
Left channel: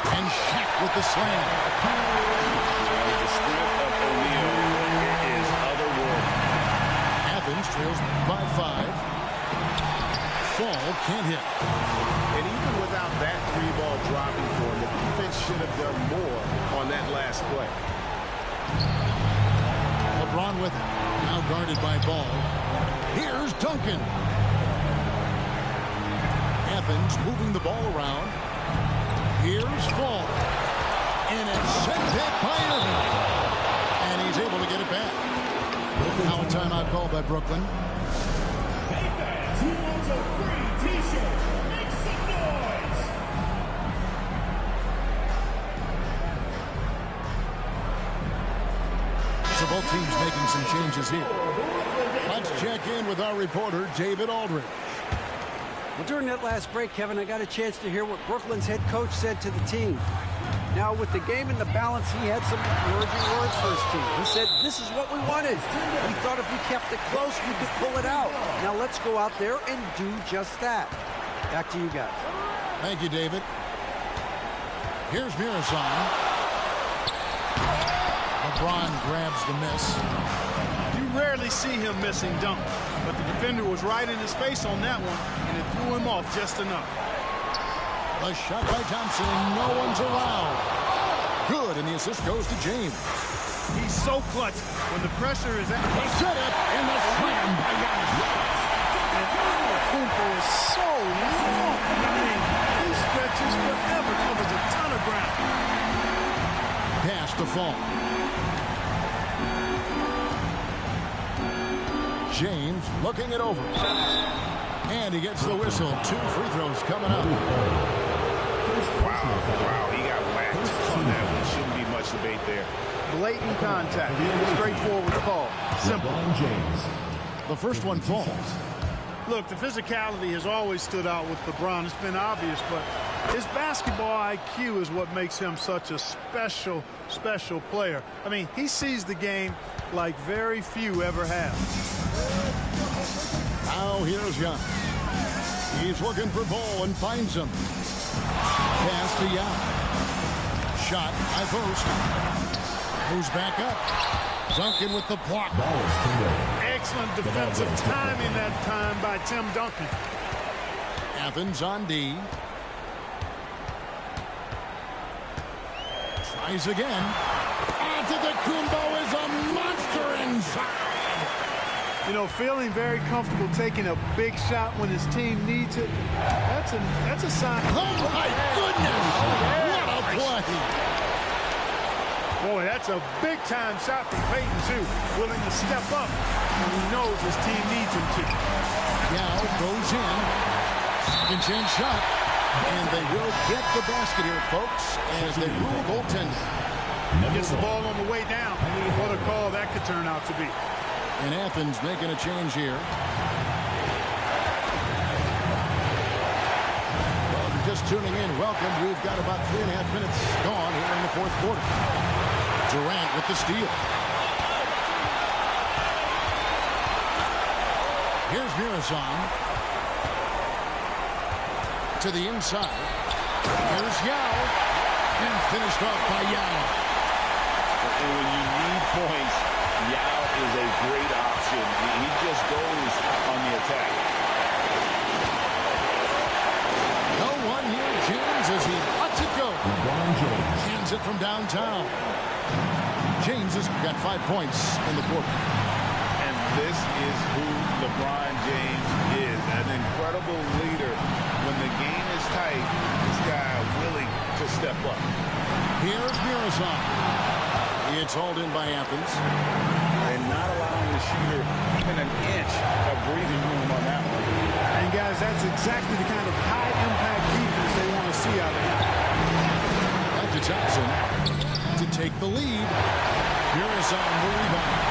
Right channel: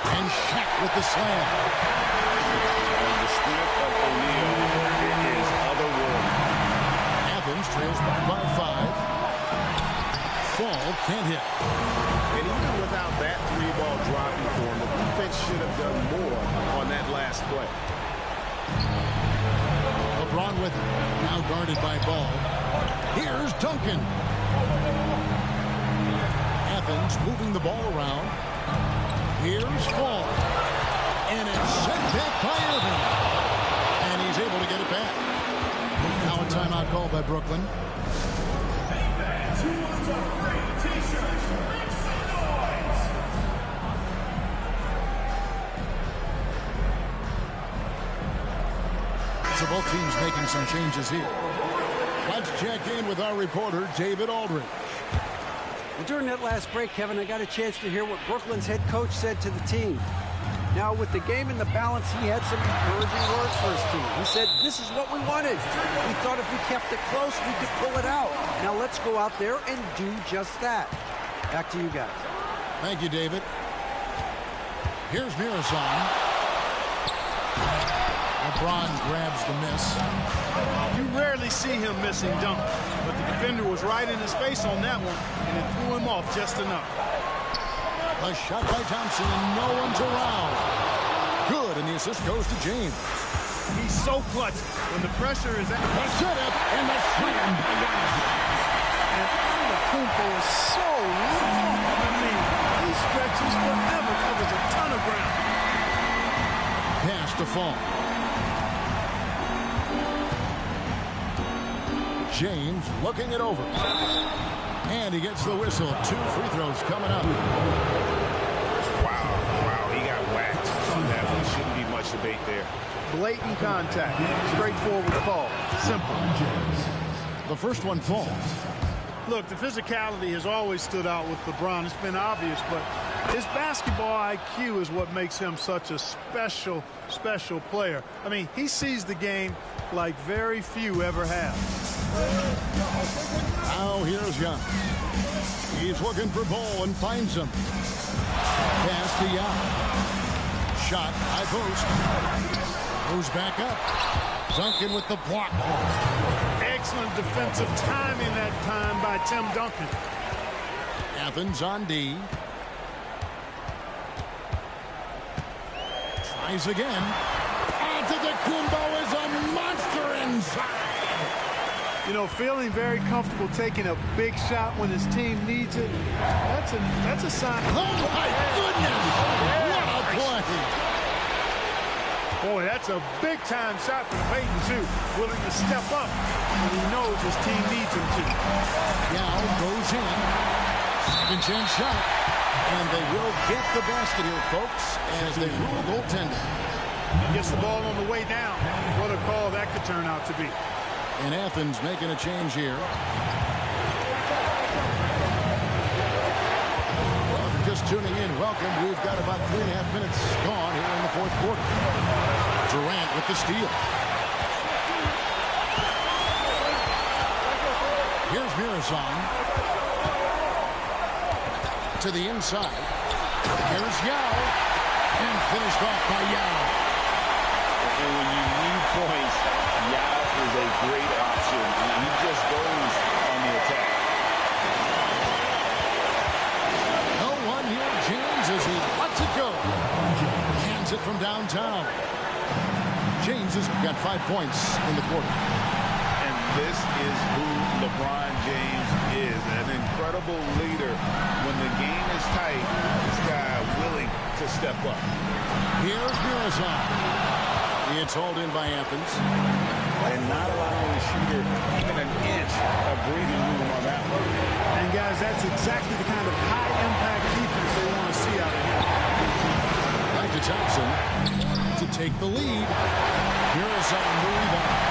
And Shaq with the slam. The strength of O'Neal is otherworldly. Athens trails by 5. Fall can't hit. And even without that 3-ball dropping for him, the defense should have done more on that last play. LeBron with it. Now guarded by Ball. Here's Duncan. Athens moving the ball around. Here's Fall. And it's sent back by Irving. And he's able to get it back. Now a timeout called by Brooklyn. Hey fans, who wants a free t-shirt? Make some noise! So both teams making some changes here. Let's check in with our reporter, David Aldridge. Well, during that last break, Kevin, I got a chance to hear what Brooklyn's head coach said to the team. Now, with the game in the balance, he had some encouraging words for his team. He said, this is what we wanted. We thought if we kept it close, we could pull it out. Now, let's go out there and do just that. Back to you guys. Thank you, David. Here's Mirazon. LeBron grabs the miss. You rarely see him missing dunks, but the defender was right in his face on that one, and it threw him off just enough. A shot by Thompson, and no one's around. Good, and the assist goes to James. He's so clutch when the pressure is at the setup and the slam by Giannis. And Antetokounmpo is so long. I mean, he stretches forever, covers a ton of ground. Pass to fall. James looking it over. And he gets the whistle. 2 free throws coming up. Wow, he got whacked on that one. Shouldn't be much debate there. Blatant contact. Straightforward call. Simple. The first one falls. Look, the physicality has always stood out with LeBron. It's been obvious, but his basketball IQ is what makes him such a special player. I mean, he sees the game like very few ever have. Now here's Young. He's looking for Ball and finds him. Pass to Yao. Shot, high post. Goes back up. Duncan with the block. Excellent defensive timing that time by Tim Duncan. Athens on D. Tries again. Antetokounmpo is a monster inside. You know, feeling very comfortable taking a big shot when his team needs it. That's a sign. Oh my goodness! What a play! Boy, that's a big-time shot from Payton, too. Willing to step up when he knows his team needs him to. Yao goes in. Second chance shot. And they will get the basket here, folks, as they rule goaltending. Gets the ball on the way down. What a call that could turn out to be. And Athens making a change here. Well, if you're just tuning in, welcome. We've got about 3.5 minutes gone here in the fourth quarter. Durant with the steal. Here's Mirazon. To the inside. Here's Yao. And finished off by Yao. And when you need points, Yao is a great option. He just goes on the attack. No one near James as he lets it go. Hands it from downtown. James has got 5 points in the quarter. And this is who LeBron James is. An incredible leader. When the game is tight, this guy willing to step up. Here's Mirazon. It's hauled in by Athens. And not allowing the shooter even an inch of breathing room on that one. And, guys, that's exactly the kind of high-impact defense they want to see out of him. Back to Thompson to take the lead. Mirazon the rebound.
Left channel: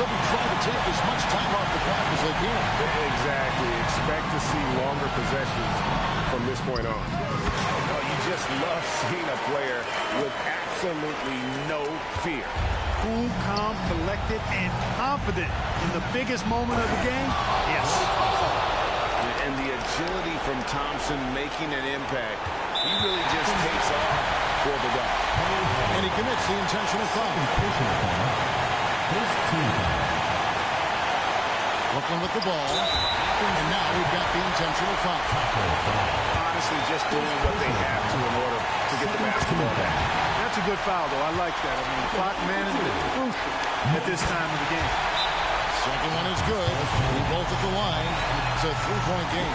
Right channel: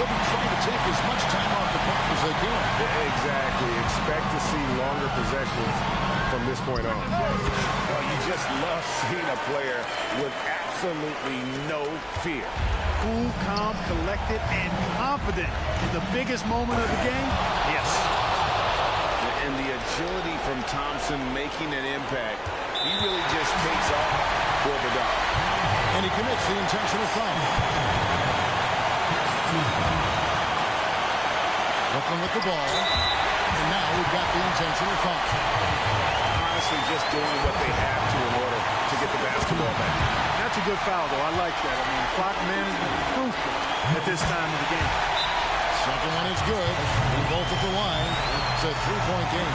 They'll be trying to take as much time off the clock as they can. Exactly. Expect to see longer possessions from this point on. Oh, you just love seeing a player with absolutely no fear. Cool, calm, collected, and confident in the biggest moment of the game. Yes. And the agility from Thompson making an impact. He really just takes off for the dog. And he commits the intentional foul. Brooklyn with the ball. And now we've got the intentional foul. Honestly, just doing what they have to in order to get the basketball back. That's a good foul, though. I like that. I mean, clock management is crucial at this time of the game. Second one is good. We both at the line. It's a three-point game.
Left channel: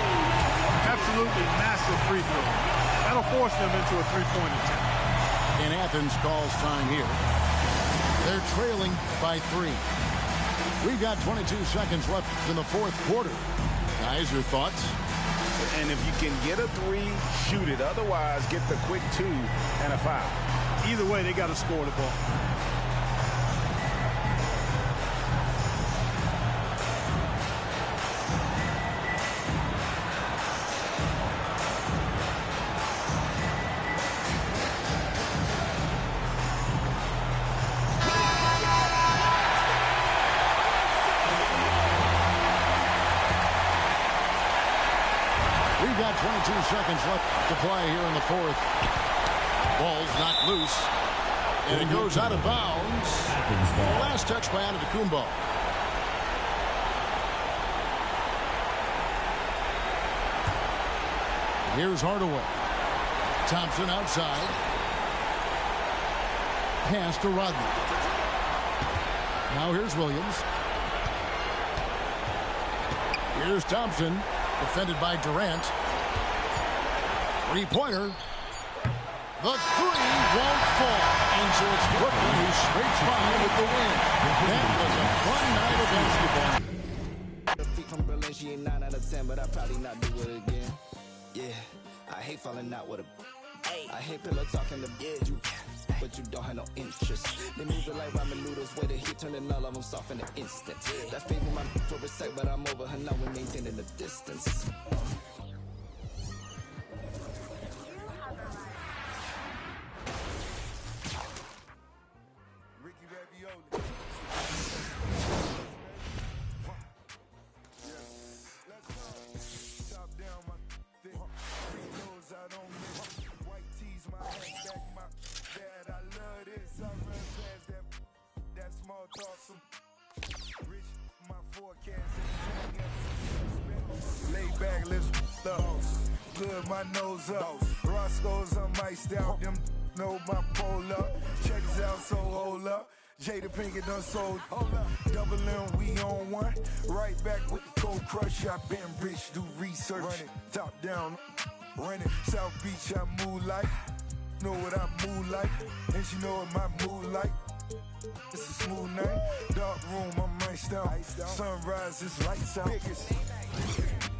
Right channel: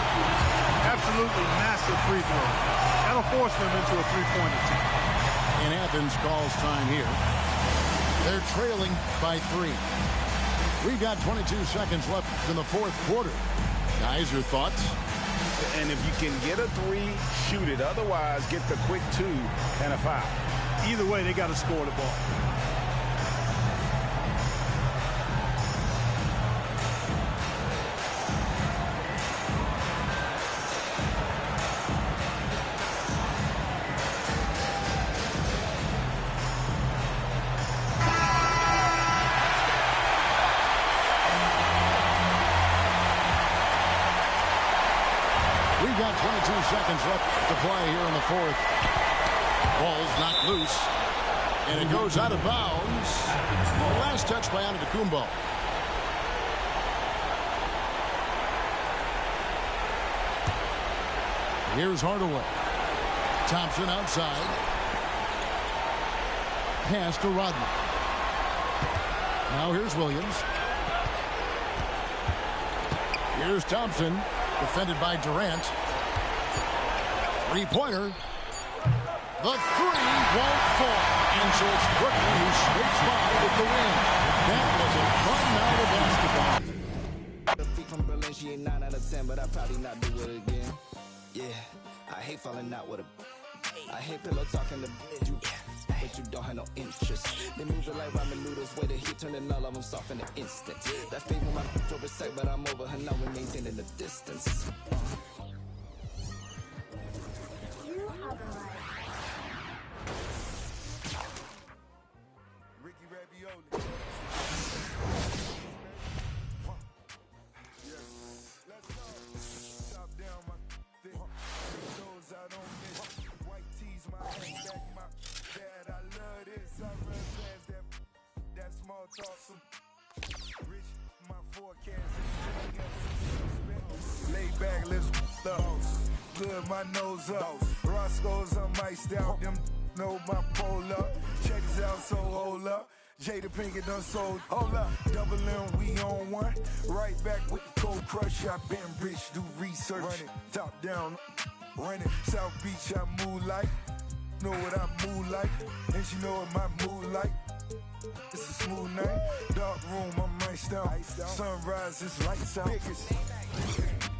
Absolutely massive free throw. That'll force them into a three-point attempt. And Athens calls time here. They're trailing by 3. We've got 22 seconds left in the fourth quarter. Guys, your thoughts? And if you can get a 3, shoot it. Otherwise, get the quick 2 and a foul. Either way, they got to score the ball. We've got 22 seconds left to play here in the fourth. Ball's knocked loose. And it goes out of bounds. The last touch by Antetokounmpo. Here's Hardaway. Thompson outside. Pass to Rodney. Now here's Williams. Here's Thompson. Defended by Durant. Three-pointer. The three won't fall. And so it's Brooklyn who scrapes by with the win. That was a fun night of basketball. From Berlin, she ain't 9 out of 10, but I probably not do it again. Yeah, I hate falling out with a. I hate pillow talking to you, but you don't have no interest. They move it like ramen noodles, way the heat turning all of them soft in an instant. That favor my for respect, but I'm over her now. We maintaining the distance. Lay back, let's up. Good, my nose up. Roscoe's on my style. Them know my pole up. Check this out, so hold up. Jada Pinkett done sold. Hold up. Double M, we on one. Right back with the cold crush. I been rich, do research. Running, top down, running. South Beach, I move like. Know what I move like. And she know what my mood like. It's a smooth night. Dark room, I'm iced out. Sunrise, it's lights out.